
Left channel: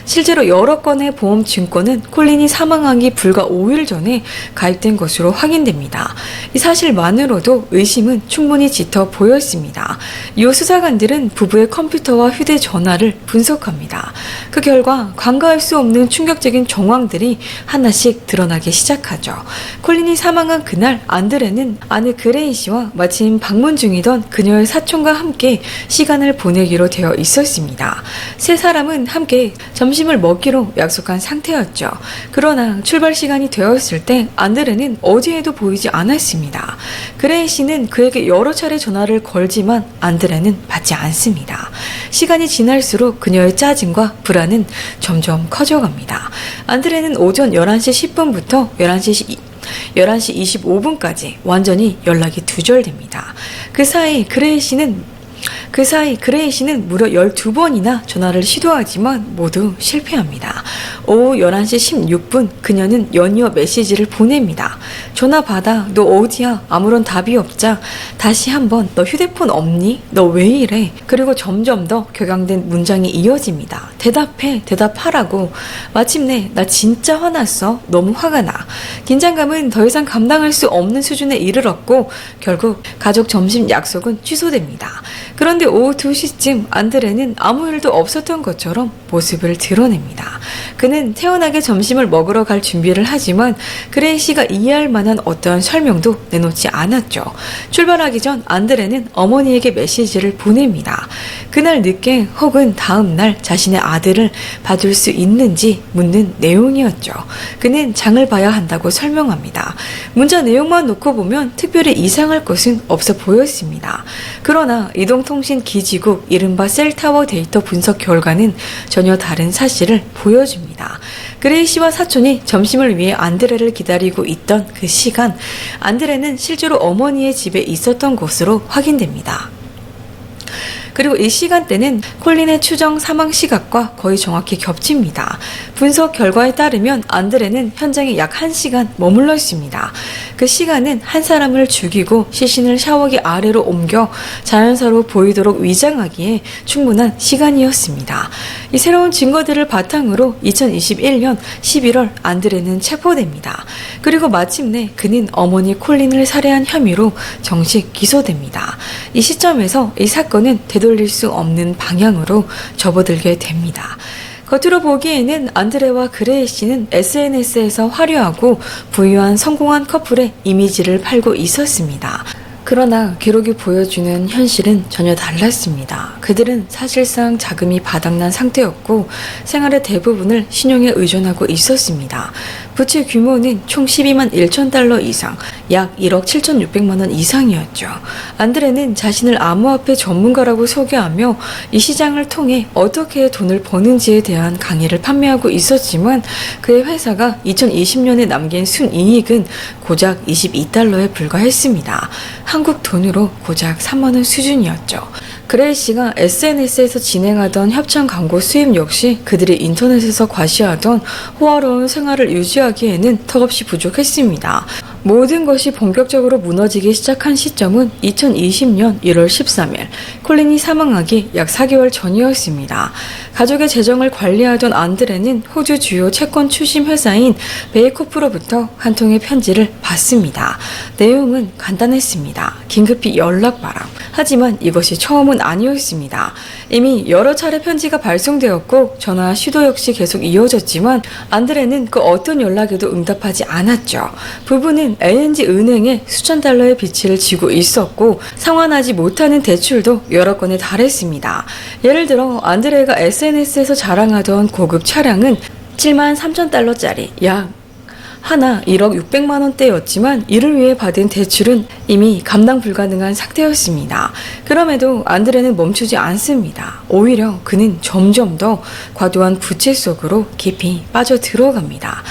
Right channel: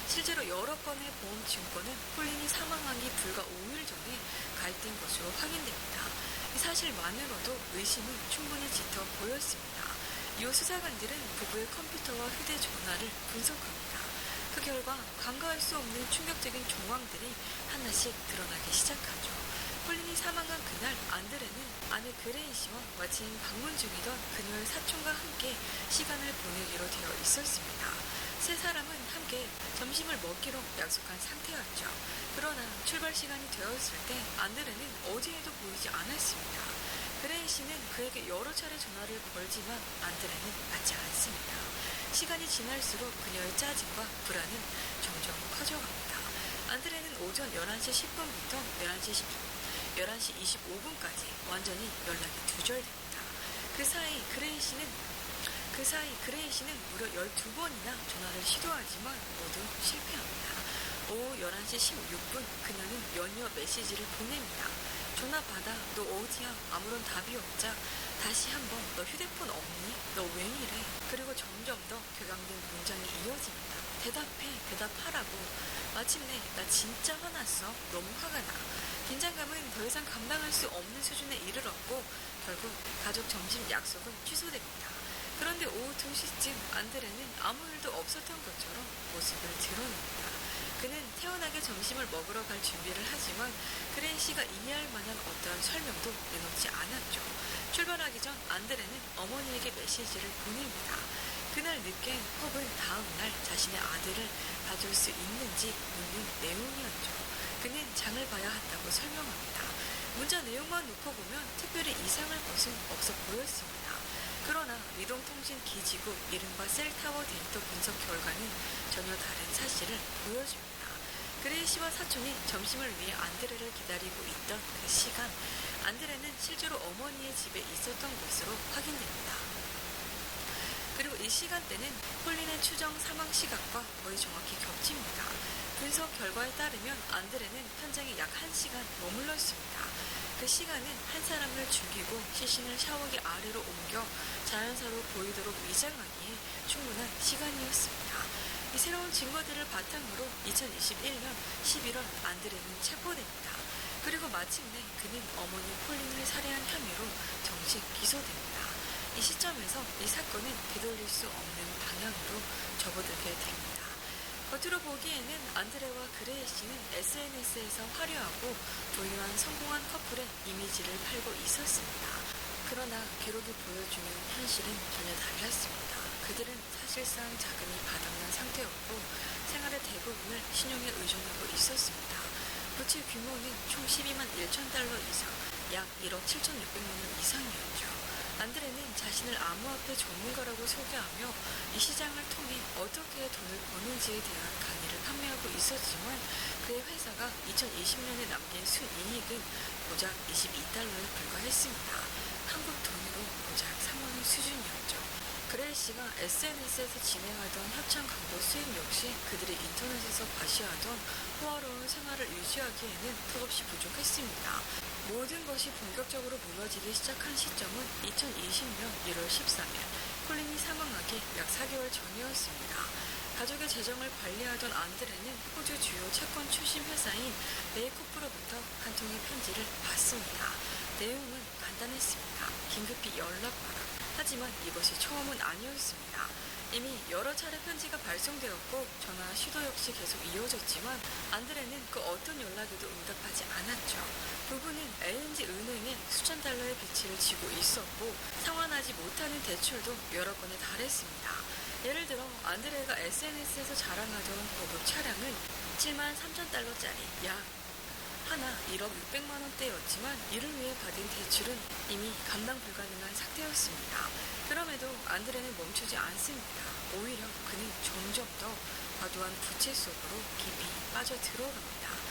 실제로 여러 건의 보험 증권은 콜린이 사망하기 불과 5일 전에 가입된 것으로 확인됩니다. 이 사실만으로도 의심은 충분히 짙어 보였습니다. 이후 수사관들은 부부의 컴퓨터와 휴대전화를 분석합니다. 그 결과 간과할 수 없는 충격적인 정황들이 하나씩 드러나기 시작하죠. 콜린이 사망한 그날 안드레는 아내 그레이 씨와 마침 방문 중이던 그녀의 사촌과 함께 시간을 보내기로 되어 있었습니다. 세 사람은 함께 점심을 먹기로 약속한 상태였죠. 그러나 출발 시간이 되었을 때 안드레는 어디에도 보이지 않았습니다. 그레이 씨는 그에게 여러 차례 전화를 걸지만 안드레는 받지 않습니다. 시간이 지날수록 그녀의 짜증과 불안은 점점 커져갑니다. 안드레는 오전 11시 10분부터 11시 25분까지 완전히 연락이 두절됩니다. 그 사이 그레이 씨는 무려 12번이나 전화를 시도하지만 모두 실패합니다. 오후 11시 16분 그녀는 연이어 메시지를 보냅니다. 전화 받아. 너 어디야? 아무런 답이 없자 다시 한번 너 휴대폰 없니? 너 왜 이래? 그리고 점점 더 격앙된 문장이 이어집니다. 대답해. 대답하라고. 마침내 나 진짜 화났어. 너무 화가 나. 긴장감은 더 이상 감당할 수 없는 수준에 이르렀고 결국 가족 점심 약속은 취소됩니다. 그런데 오후 2시쯤 안드레는 아무 일도 없었던 것처럼 모습을 드러냅니다. 그는 태연하게 점심을 먹으러 갈 준비를 하지만 그레이 씨가 이해할 만한 어떠한 설명도 내놓지 않았죠. 출발하기 전 안드레는 어머니에게 메시지를 보냅니다. 그날 늦게 혹은 다음 날 자신의 아들을 봐줄 수 있는지 묻는 내용이었죠. 그는 장을 봐야 한다고 설명합니다. 문자 내용만 놓고 보면 특별히 이상할 것은 없어 보였습니다. 그러나 이동통신 기지국 이른바 셀타워 데이터 분석 결과는 전혀 다른 사실을 보여줍니다. 그레이 씨와 사촌이 점심을 위해 안드레를 기다리고 있던 그 시간, 안드레는 실제로 어머니의 집에 있었던 것으로 확인됩니다. 그리고 이 시간대는 콜린의 추정 사망 시각과 거의 정확히 겹칩니다. 분석 결과에 따르면 안드레는 현장에 약 1시간 머물러 있습니다. 그 시간은 한 사람을 죽이고 시신을 샤워기 아래로 옮겨 자연사로 보이도록 위장하기에 충분한 시간이었습니다. 이 새로운 증거들을 바탕으로 2021년 11월 안드레는 체포됩니다. 그리고 마침내 그는 어머니 콜린을 살해한 혐의로 정식 기소됩니다. 이 시점에서 이 사건은 되돌릴 수 없는 방향으로 접어들게 됩니다. 겉으로 보기에는 안드레와 그레이 씨는 SNS에서 화려하고 부유한 성공한 커플의 이미지를 팔고 있었습니다. 그러나 기록이 보여주는 현실은 전혀 달랐습니다. 그들은 사실상 자금이 바닥난 상태였고 생활의 대부분을 신용에 의존하고 있었습니다. 부채 규모는 총 12만 1천 달러 이상, 약 1억 7,600만 원 이상이었죠. 안드레는 자신을 암호화폐 전문가라고 소개하며 이 시장을 통해 어떻게 돈을 버는지에 대한 강의를 판매하고 있었지만 그의 회사가 2020년에 남긴 순이익은 고작 22달러에 불과했습니다. 한국 돈으로 고작 3만 원 수준이었죠. 그레이 씨가 SNS에서 진행하던 협찬 광고 수입 역시 그들이 인터넷에서 과시하던 호화로운 생활을 유지하기에는 턱없이 부족했습니다. 모든 것이 본격적으로 무너지기 시작한 시점은 2020년 1월 13일 콜린이 사망하기 약 4개월 전이었습니다. 가족의 재정을 관리하던 안드레는 호주 주요 채권 추심 회사인 베이코프로부터 한 통의 편지를 받습니다. 내용은 간단했습니다. 긴급히 연락 바람. 하지만 이것이 처음은 아니었습니다. 이미 여러 차례 편지가 발송되었고 전화 시도 역시 계속 이어졌지만 안드레는 그 어떤 연락에도 응답하지 않았죠. 부부는 ANG 은행에 수천 달러의 빚을 지고 있었고 상환하지 못하는 대출도 여러 건에 달했습니다. 예를 들어 안드레가 SNS에서 자랑하던 고급 차량은 7만 3천 달러짜리 약 하나 1억 600만 원대였지만 이를 위해 받은 대출은 이미 감당 불가능한 상태였습니다. 그럼에도 안드레는 멈추지 않습니다. 오히려 그는 점점 더 과도한 부채 속으로 깊이 빠져 들어갑니다.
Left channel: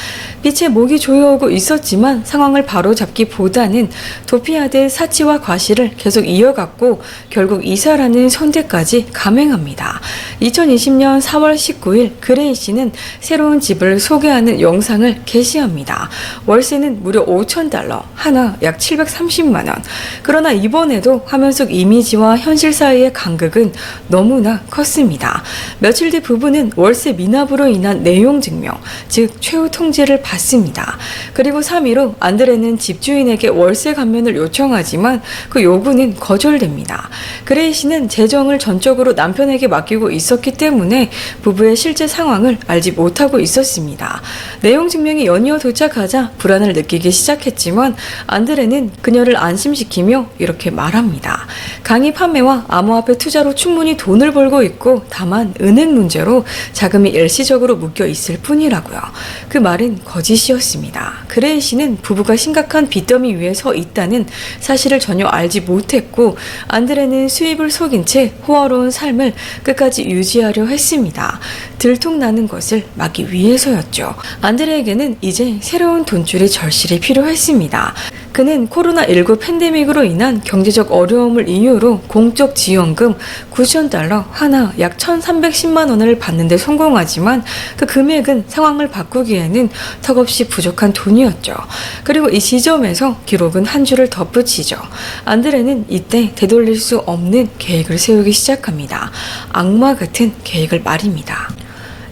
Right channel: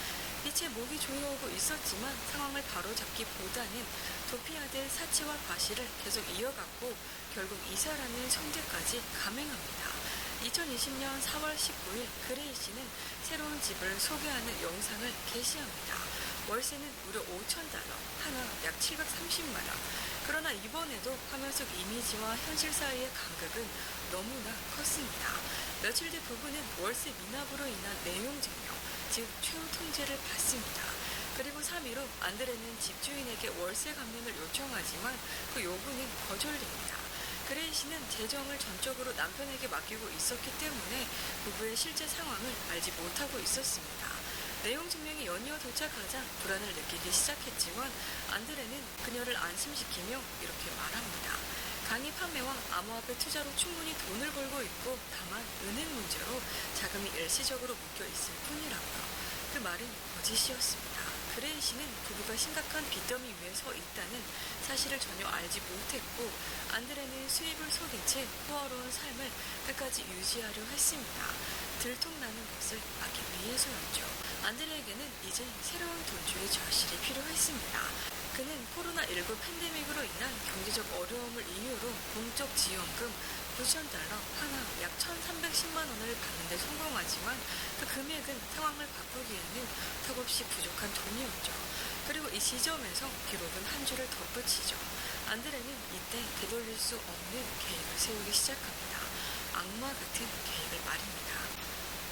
빛에 목이 조여오고 있었지만 상황을 바로잡기보다는 도피하듯 사치와 과시를 계속 이어갔고 결국 이사라는 선택까지 감행합니다. 2020년 4월 19일 그레이 씨는 새로운 집을 소개하는 영상을 게시합니다. 월세는 무려 $5,000, 하나 약 730만 원. 그러나 이번에도 화면 속 이미지와 현실 사이의 간극은 너무나 컸습니다. 며칠 뒤 부부는 월세 미납으로 인한 내용 증명, 즉 최후 통지를 받습니다. 그리고 3일 후 안드레는 집주인에게 월세 감면을 요청하지만 그 요구는 거절됩니다. 그레이 씨는 재정을 전적으로 남편에게 맡기고 있었기 때문에 부부의 실제 상황을 알지 못하고 있었습니다. 내용 증명이 연이어 도착하자 불안을 느끼기 시작했지만 안드레는 그녀를 안심시키며 이렇게 말합니다. 강의 판매와 암호화폐 투자로 충분히 돈을 벌고 있고 다만 은행 문제로 자금이 일시적으로 묶여 있을 뿐이라고요. 그 말은 거짓이었습니다. 그레이 씨는 부부가 심각한 빚더미 위에 서 있다는 사실을 전혀 알지 못했고 안드레는 수입을 속인 채 호화로운 삶을 끝까지 유지하려 했습니다. 들통나는 것을 막기 위해서였죠. 안드레에게는 이제 새로운 돈줄이 절실히 필요했습니다. 그는 코로나19 팬데믹으로 인한 경제적 어려움을 이유로 공적 지원금 $9,000 하나 약 1,310만 원을 받는 데 성공하지만 그 금액은 상황을 바꾸기에는 턱없이 부족한 돈이었죠. 그리고 이 지점에서 기록은 한 줄을 덧붙이죠. 안드레는 이때 되돌릴 수 없는 계획을 세우기 시작합니다. 악마 같은 계획을 말입니다.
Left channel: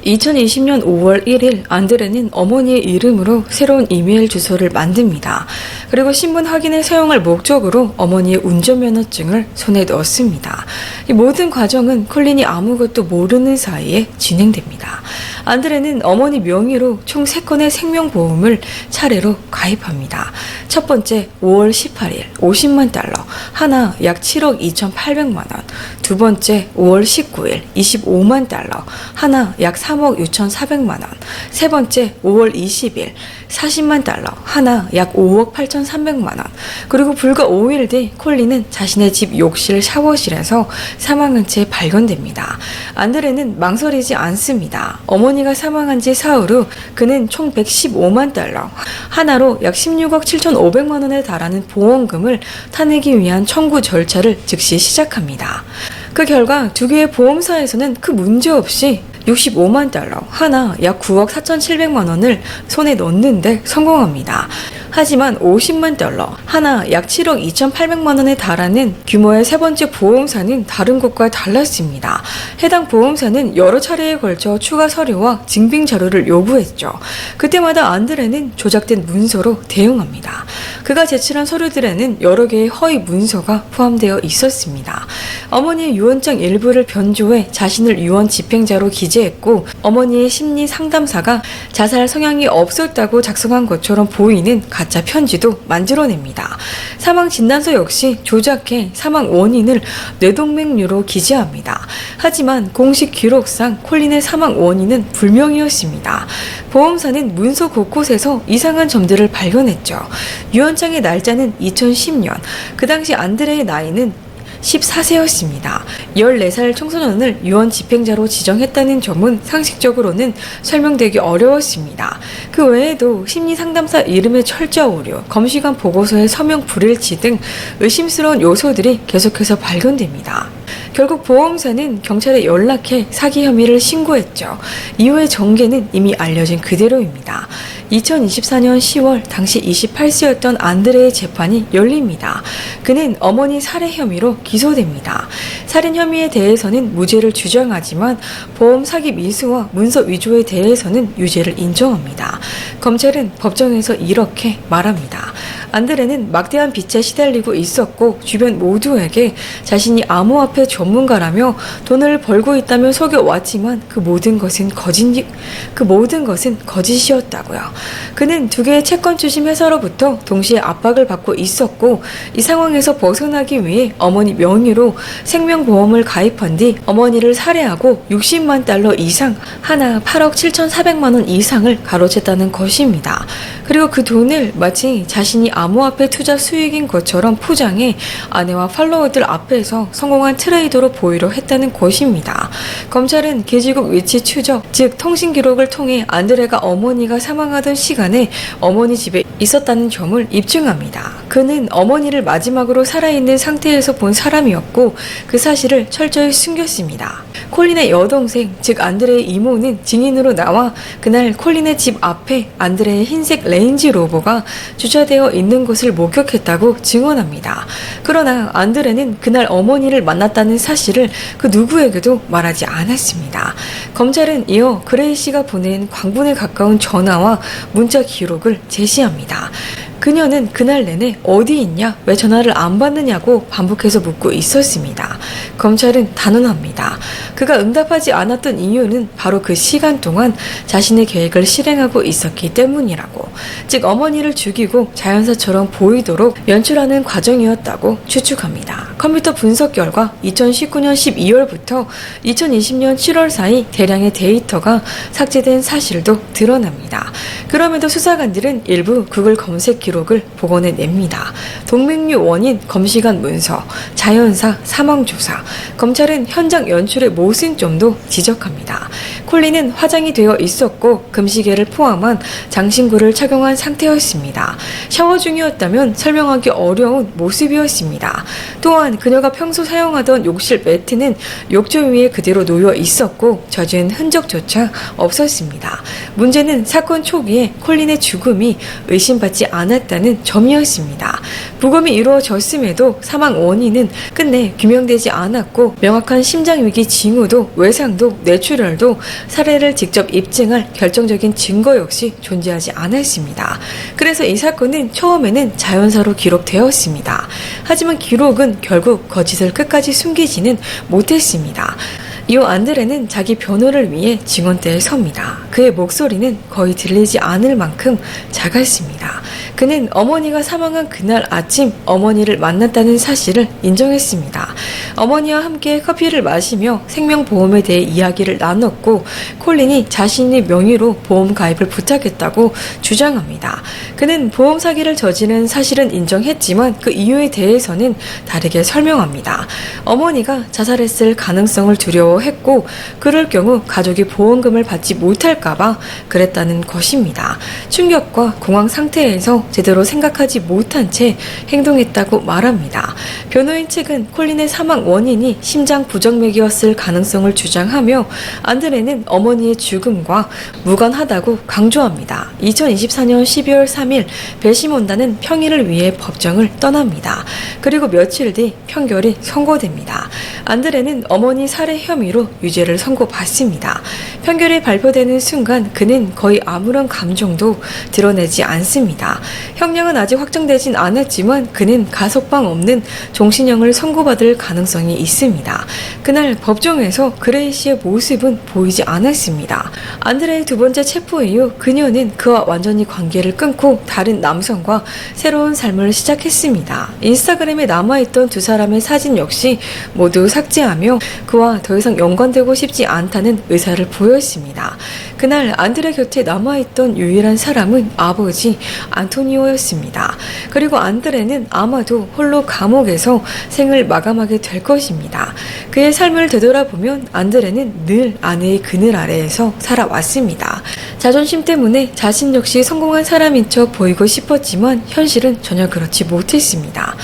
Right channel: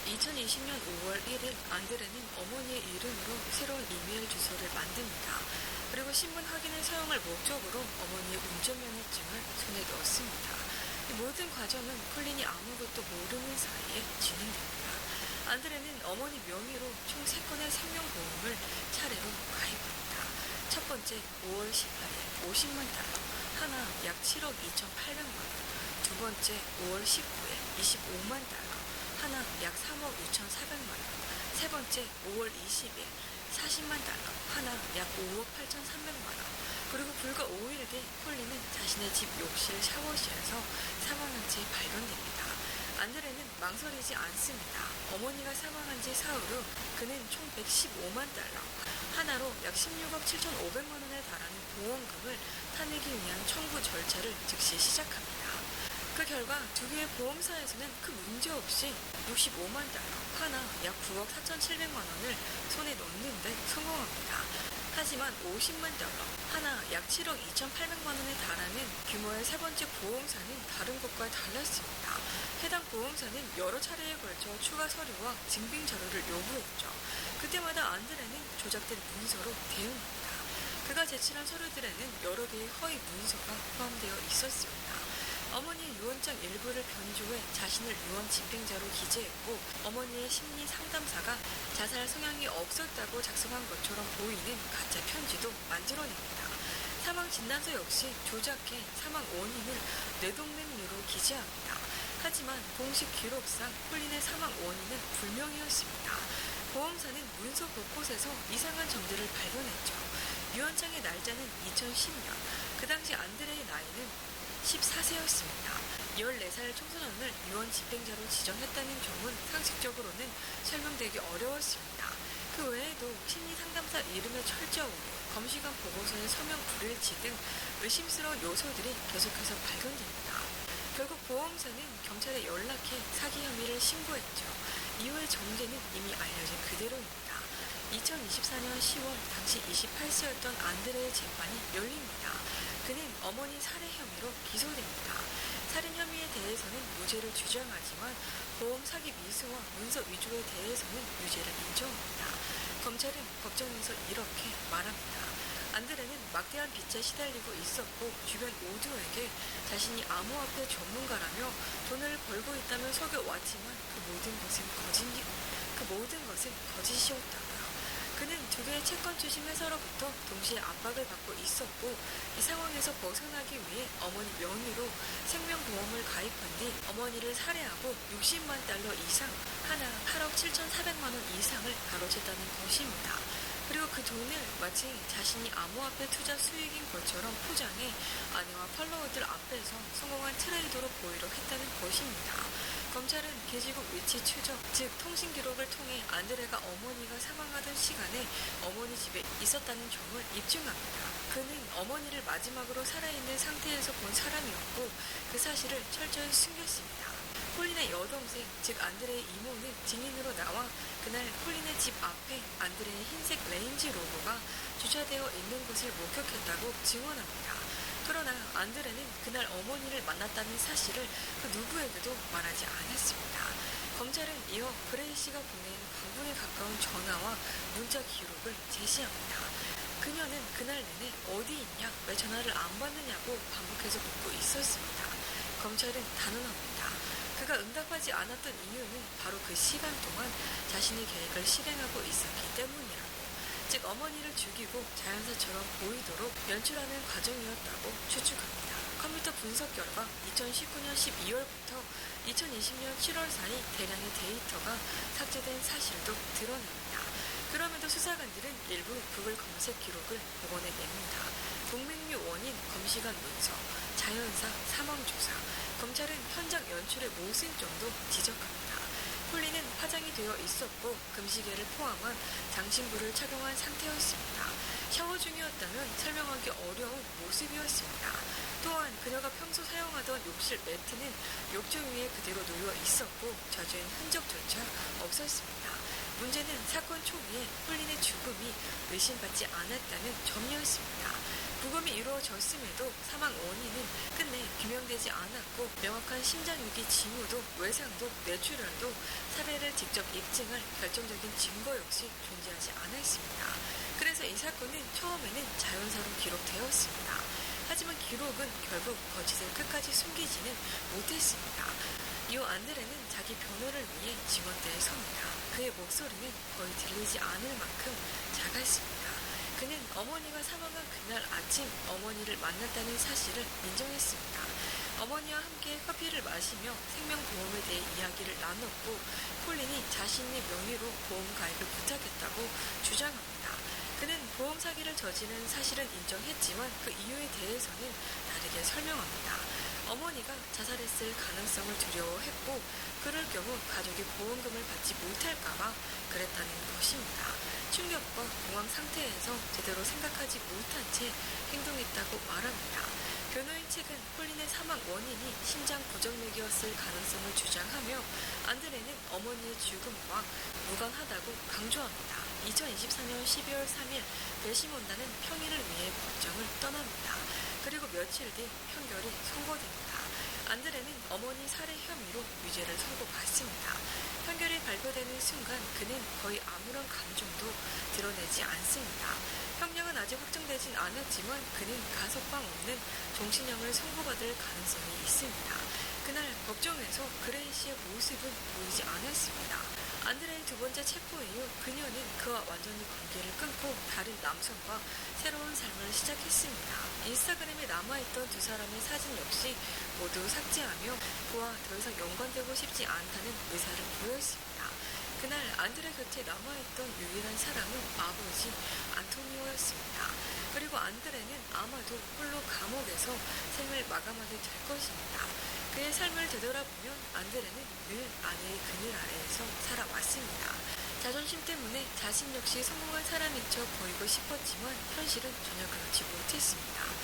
2020년 5월 1일 안드레는 어머니의 이름으로 새로운 이메일 주소를 만듭니다. 그리고 신분 확인에 사용할 목적으로 어머니의 운전면허증을 손에 넣었습니다. 이 모든 과정은 콜린이 아무것도 모르는 사이에 진행됩니다. 안드레는 어머니 명의로 총 3건의 생명보험을 차례로 가입합니다. 첫 번째 5월 18일 $50만, 하나 약 7억 2,800만 원. 두 번째 5월 19일 $25만, 하나 약 3억 6,400만 원. 세 번째 5월 20일 $40만, 하나 약 5억 8,300만 원. 그리고 불과 5일 뒤 콜린은 자신의 집 욕실 샤워실에서 사망한 채 발견됩니다. 안드레는 망설이지 않습니다. 어머니가 사망한 지 사흘 후 그는 총 $115만, 하나로 약 16억 7,500만 원에 달하는 보험금을 타내기 위한 청구 절차를 즉시 시작합니다. 그 결과 두 개의 보험사에서는 큰 문제 없이 $65만, 하나 약 9억 4,700만 원을 손에 넣는데 성공합니다. 하지만 $50만, 하나 약 7억 2,800만 원에 달하는 규모의 세 번째 보험사는 다른 곳과 달랐습니다. 해당 보험사는 여러 차례에 걸쳐 추가 서류와 증빙 자료를 요구했죠. 그때마다 안드레는 조작된 문서로 대응합니다. 그가 제출한 서류들에는 여러 개의 허위 문서가 포함되어 있었습니다. 어머니의 유언장 일부를 변조해 자신을 유언 집행자로 기재했고 어머니의 심리 상담사가 자살 성향이 없었다고 작성한 것처럼 보이는 가짜 편지도 만들어냅니다. 사망 진단서 역시 조작해 사망 원인을 뇌동맥류로 기재합니다. 하지만 공식 기록상 콜린의 사망 원인은 불명이었습니다. 보험사는 문서 곳곳에서 이상한 점들을 발견했죠. 유언장의 날짜는 2010년, 그 당시 안드레의 나이는 14세였습니다. 14살 청소년을 유언 집행자로 지정했다는 점은 상식적으로는 설명되기 어려웠습니다. 그 외에도 심리상담사 이름의 철자 오류, 검시관 보고서의 서명 불일치 등 의심스러운 요소들이 계속해서 발견됩니다. 결국 보험사는 경찰에 연락해 사기 혐의를 신고했죠. 이후의 전개는 이미 알려진 그대로입니다. 2024년 10월 당시 28세였던 안드레의 재판이 열립니다. 그는 어머니 살해 혐의로 기소됩니다. 살인 혐의에 대해서는 무죄를 주장하지만 보험 사기 미수와 문서 위조에 대해서는 유죄를 인정합니다. 검찰은 법정에서 이렇게 말합니다. 안드레는 막대한 빚에 시달리고 있었고 주변 모두에게 자신이 암호화폐 전문가라며 돈을 벌고 있다며 속여왔지만 그 모든 것은 거짓이었다고요. 그는 두 개의 채권 추심 회사로부터 동시에 압박을 받고 있었고 이 상황에서 벗어나기 위해 어머니 명의로 생명보험을 가입한 뒤 어머니를 살해하고 $60만 이상, 하나 8억 7,400만 원 이상을 가로챘다는 것입니다. 그리고 그 돈을 마치 자신이 암호화폐 투자 수익인 것처럼 포장해 아내와 팔로워들 앞에서 성공한 트레이더로 보이려 했다는 것입니다. 검찰은 기지국 위치 추적, 즉 통신 기록을 통해 안드레가 어머니가 사망하던 시간에 어머니 집에 있었다는 점을 입증합니다. 그는 어머니를 마지막으로 살아있는 상태에서 본 사람이었고 그 사실을 철저히 숨겼습니다. 콜린의 여동생, 즉 안드레의 이모는 증인으로 나와 그날 콜린의 집 앞에 안드레의 흰색 레인지 로버가 주차되어 있는 것을 목격했다고 증언합니다. 그러나 안드레는 그날 어머니를 만났다는 사실을 그 누구에게도 말하지 않았습니다. 검찰은 이어 그레이 씨가 보낸 광분에 가까운 전화와 문자 기록을 제시합니다. 그녀는 그날 내내 어디 있냐, 왜 전화를 안 받느냐고 반복해서 묻고 있었습니다. 검찰은 단언합니다. 그가 응답하지 않았던 이유는 바로 그 시간 동안 자신의 계획을 실행하고 있었기 때문이라고, 즉 어머니를 죽이고 자연사처럼 보이도록 연출하는 과정이었다고 추측합니다. 컴퓨터 분석 결과 2019년 12월부터 2020년 7월 사이 대량의 데이터가 삭제된 사실도 드러납니다. 그럼에도 수사관들은 일부 구글 검색 기록을 복원해냅니다. 동맥류 원인, 검시관 문서, 자연사, 사망조사, 검찰은 현장 연출의 모순점도 지적합니다. 콜린은 화장이 되어 있었고 금시계를 포함한 장신구를 착용한 상태였습니다. 샤워 중이었다면 설명하기 어려운 모습이었습니다. 또한 그녀가 평소 사용하던 욕실 매트는 욕조 위에 그대로 놓여 있었고 젖은 흔적조차 없었습니다. 문제는 사건 초기에 콜린의 죽음이 의심받지 않았다는 점이었습니다. 부검이 이루어졌음에도 사망 원인은 끝내 규명되지 않았고 명확한 심장위기 징후도 외상도 뇌출혈도 살해를 직접 입증할 결정적인 증거 역시 존재하지 않았습니다. 그래서 이 사건은 처음에는 자연사로 기록되었습니다. 하지만 기록은 결국 거짓을 끝까지 숨기지는 못했습니다. 이후 안드레는 자기 변호를 위해 증언대에 섭니다. 그의 목소리는 거의 들리지 않을 만큼 작았습니다. 그는 어머니가 사망한 그날 아침 어머니를 만났다는 사실을 인정했습니다. 어머니와 함께 커피를 마시며 생명보험에 대해 이야기를 나눴고 콜린이 자신의 명의로 보험 가입을 부탁했다고 주장합니다. 그는 보험 사기를 저지른 사실은 인정했지만 그 이유에 대해서는 다르게 설명합니다. 어머니가 자살했을 가능성을 두려워했고 그럴 경우 가족이 보험금을 받지 못할까봐 그랬다는 것입니다. 충격과 공황 상태에서 제대로 생각하지 못한 채 행동했다고 말합니다. 변호인 측은 콜린의 사망 원인이 심장 부정맥이었을 가능성을 주장하며 안드레는 어머니의 죽음과 무관하다고 강조합니다. 2024년 12월 3일 배심원단은 평일을 위해 법정을 떠납니다. 그리고 며칠 뒤 판결이 선고됩니다. 안드레는 어머니 살해 혐의로 유죄를 선고받습니다. 판결이 발표되는 순간 그는 거의 아무런 감정도 드러내지 않습니다. 형량은 아직 확정되진 않았지만 그는 가석방 없는 종신형을 선고받을 가능성이 있습니다. 그날 법정에서 그레이 씨의 모습은 보이지 않았습니다. 안드레의 두 번째 체포 이후 그녀는 그와 완전히 관계를 끊고 다른 남성과 새로운 삶을 시작했습니다. 인스타그램에 남아있던 두 사람의 사진 역시 모두 삭제하며 그와 더 이상 연관되고 싶지 않다는 의사를 보였습니다. 그날 안드레 곁에 남아있던 유일한 사람은 아버지 안토니오였습니다. 그리고 안드레는 아마도 홀로 감옥에서 생을 마감하게 될 것입니다. 그의 삶을 되돌아보면 안드레는 늘 아내의 그늘 아래에서 살아왔습니다. 자존심 때문에 자신 역시 성공한 사람인 척 보이고 싶었지만 현실은 전혀 그렇지 못했습니다.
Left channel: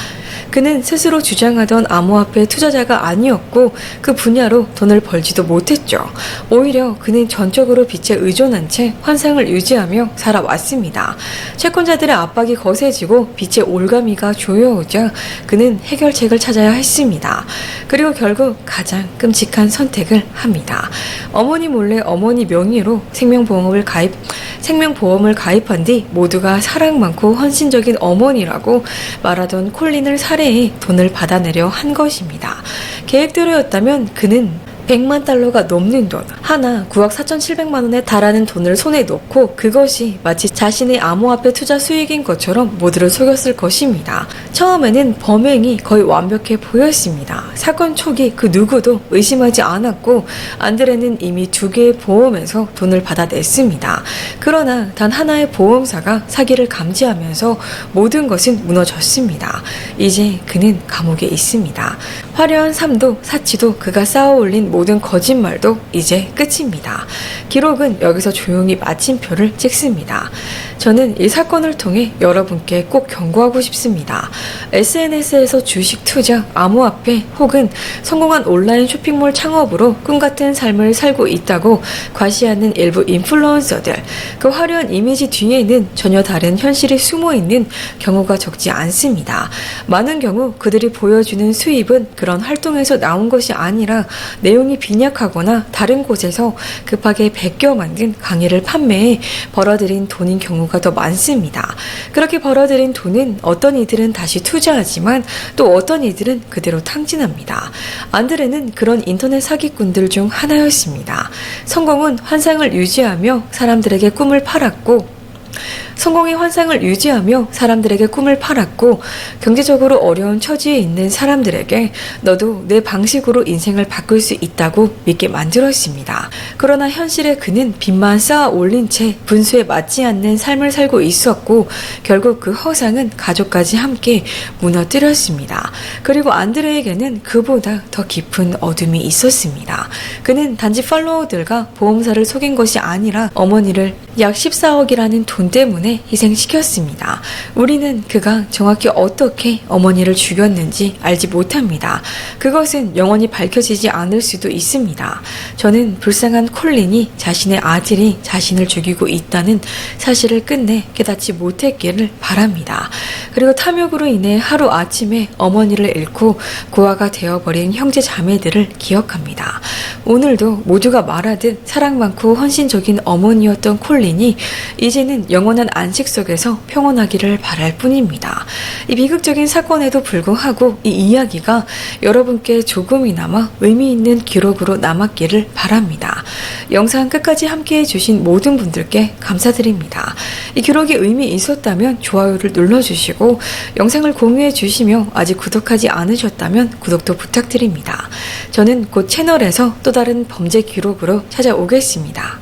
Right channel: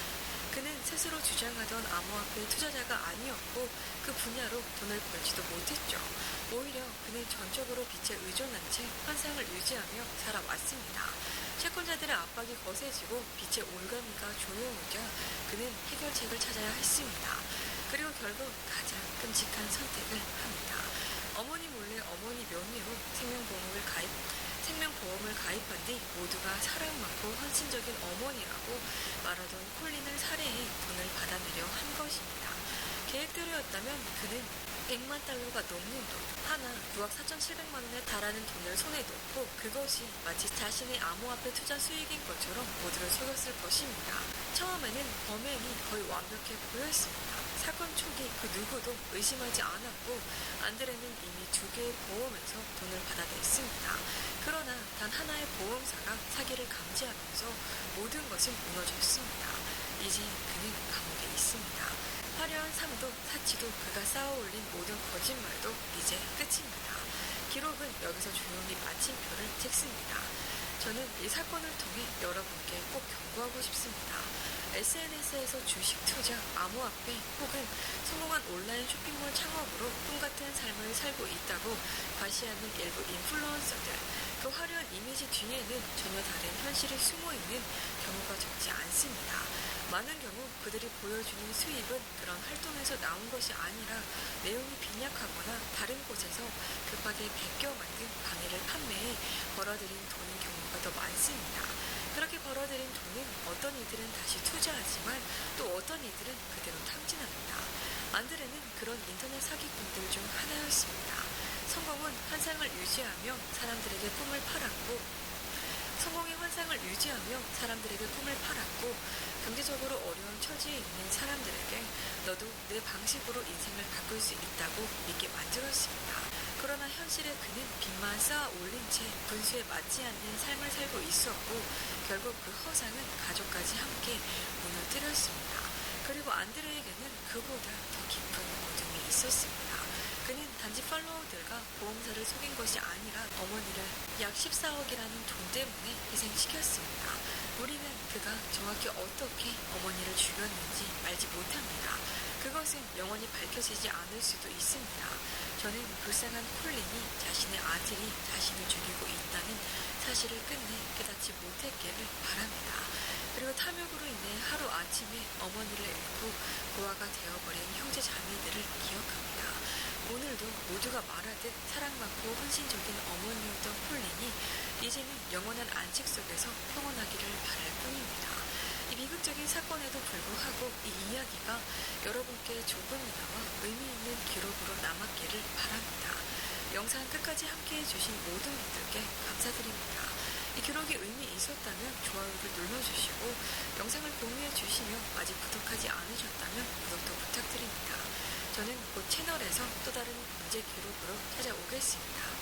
그는 스스로 주장하던 암호화폐 투자자가 아니었고 그 분야로 돈을 벌지도 못했죠. 오히려 그는 전적으로 빚에 의존한 채 환상을 유지하며 살아왔습니다. 채권자들의 압박이 거세지고 빚의 올가미가 조여오자 그는 해결책을 찾아야 했습니다. 그리고 결국 가장 끔찍한 선택을 합니다. 어머니 몰래 어머니 명의로 생명보험을 가입한 뒤 모두가 사랑 많고 헌신적인 어머니라고 말하던 콜린을 살해해 돈을 받아내려 한 것입니다. 계획대로였다면 그는 100만 달러가 넘는 돈, 하나 9억 4,700만 원에 달하는 돈을 손에 넣고 그것이 마치 자신의 암호화폐 투자 수익인 것처럼 모두를 속였을 것입니다. 처음에는 범행이 거의 완벽해 보였습니다. 사건 초기 그 누구도 의심하지 않았고 안드레는 이미 2개의 보험에서 돈을 받아냈습니다. 그러나 단 하나의 보험사가 사기를 감지하면서 모든 것은 무너졌습니다. 이제 그는 감옥에 있습니다. 화려한 삶도 사치도 그가 쌓아올린 모든 거짓말도 이제 끝입니다. 기록은 여기서 조용히 마침표를 찍습니다. 저는 이 사건을 통해 여러분께 꼭 경고하고 싶습니다. SNS에서 주식 투자, 암호화폐 혹은 성공한 온라인 쇼핑몰 창업으로 꿈같은 삶을 살고 있다고 과시하는 일부 인플루언서들, 그 화려한 이미지 뒤에는 전혀 다른 현실이 숨어있는 경우가 적지 않습니다. 많은 경우 그들이 보여주는 수입은 그런 활동에서 나온 것이 아니라 내용이 빈약하거나 다른 곳에서 급하게 베껴 만든 강의를 판매해 벌어들인 돈인 경우가 더 많습니다. 그렇게 벌어들인 돈은 어떤 이들은 다시 투자하지만 또 어떤 이들은 그대로 탕진합니다. 안드레는 그런 인터넷 사기꾼들 중 하나였습니다. 성공은 환상을 유지하며 사람들에게 꿈을 팔았고 성공의 환상을 유지하며 사람들에게 꿈을 팔았고 경제적으로 어려운 처지에 있는 사람들에게 너도 내 방식으로 인생을 바꿀 수 있다고 믿게 만들었습니다. 그러나 현실에 그는 빚만 쌓아 올린 채 분수에 맞지 않는 삶을 살고 있었고 결국 그 허상은 가족까지 함께 무너뜨렸습니다. 그리고 안드레에게는 그보다 더 깊은 어둠이 있었습니다. 그는 단지 팔로워들과 보험사를 속인 것이 아니라 어머니를 약 14억이라는 돈 때문에 희생시켰습니다. 우리는 그가 정확히 어떻게 어머니를 죽였는지 알지 못합니다. 그것은 영원히 밝혀지지 않을 수도 있습니다. 저는 불쌍한 콜린이 자신의 아들이 자신을 죽이고 있다는 사실을 끝내 깨닫지 못했기를 바랍니다. 그리고 탐욕으로 인해 하루아침에 어머니를 잃고 고아가 되어버린 형제 자매들을 기억합니다. 오늘도 모두가 말하듯 사랑 많고 헌신적인 어머니였던 콜린이 이제는 영원한 안식 속에서 평온하기를 바랄 뿐입니다. 이 비극적인 사건에도 불구하고 이 이야기가 여러분께 조금이나마 의미 있는 기록으로 남았기를 바랍니다. 영상 끝까지 함께해 주신 모든 분들께 감사드립니다. 이 기록이 의미 있었다면 좋아요를 눌러주시고 영상을 공유해 주시며 아직 구독하지 않으셨다면 구독도 부탁드립니다. 저는 곧 채널에서 또 다른 범죄 기록으로 찾아오겠습니다.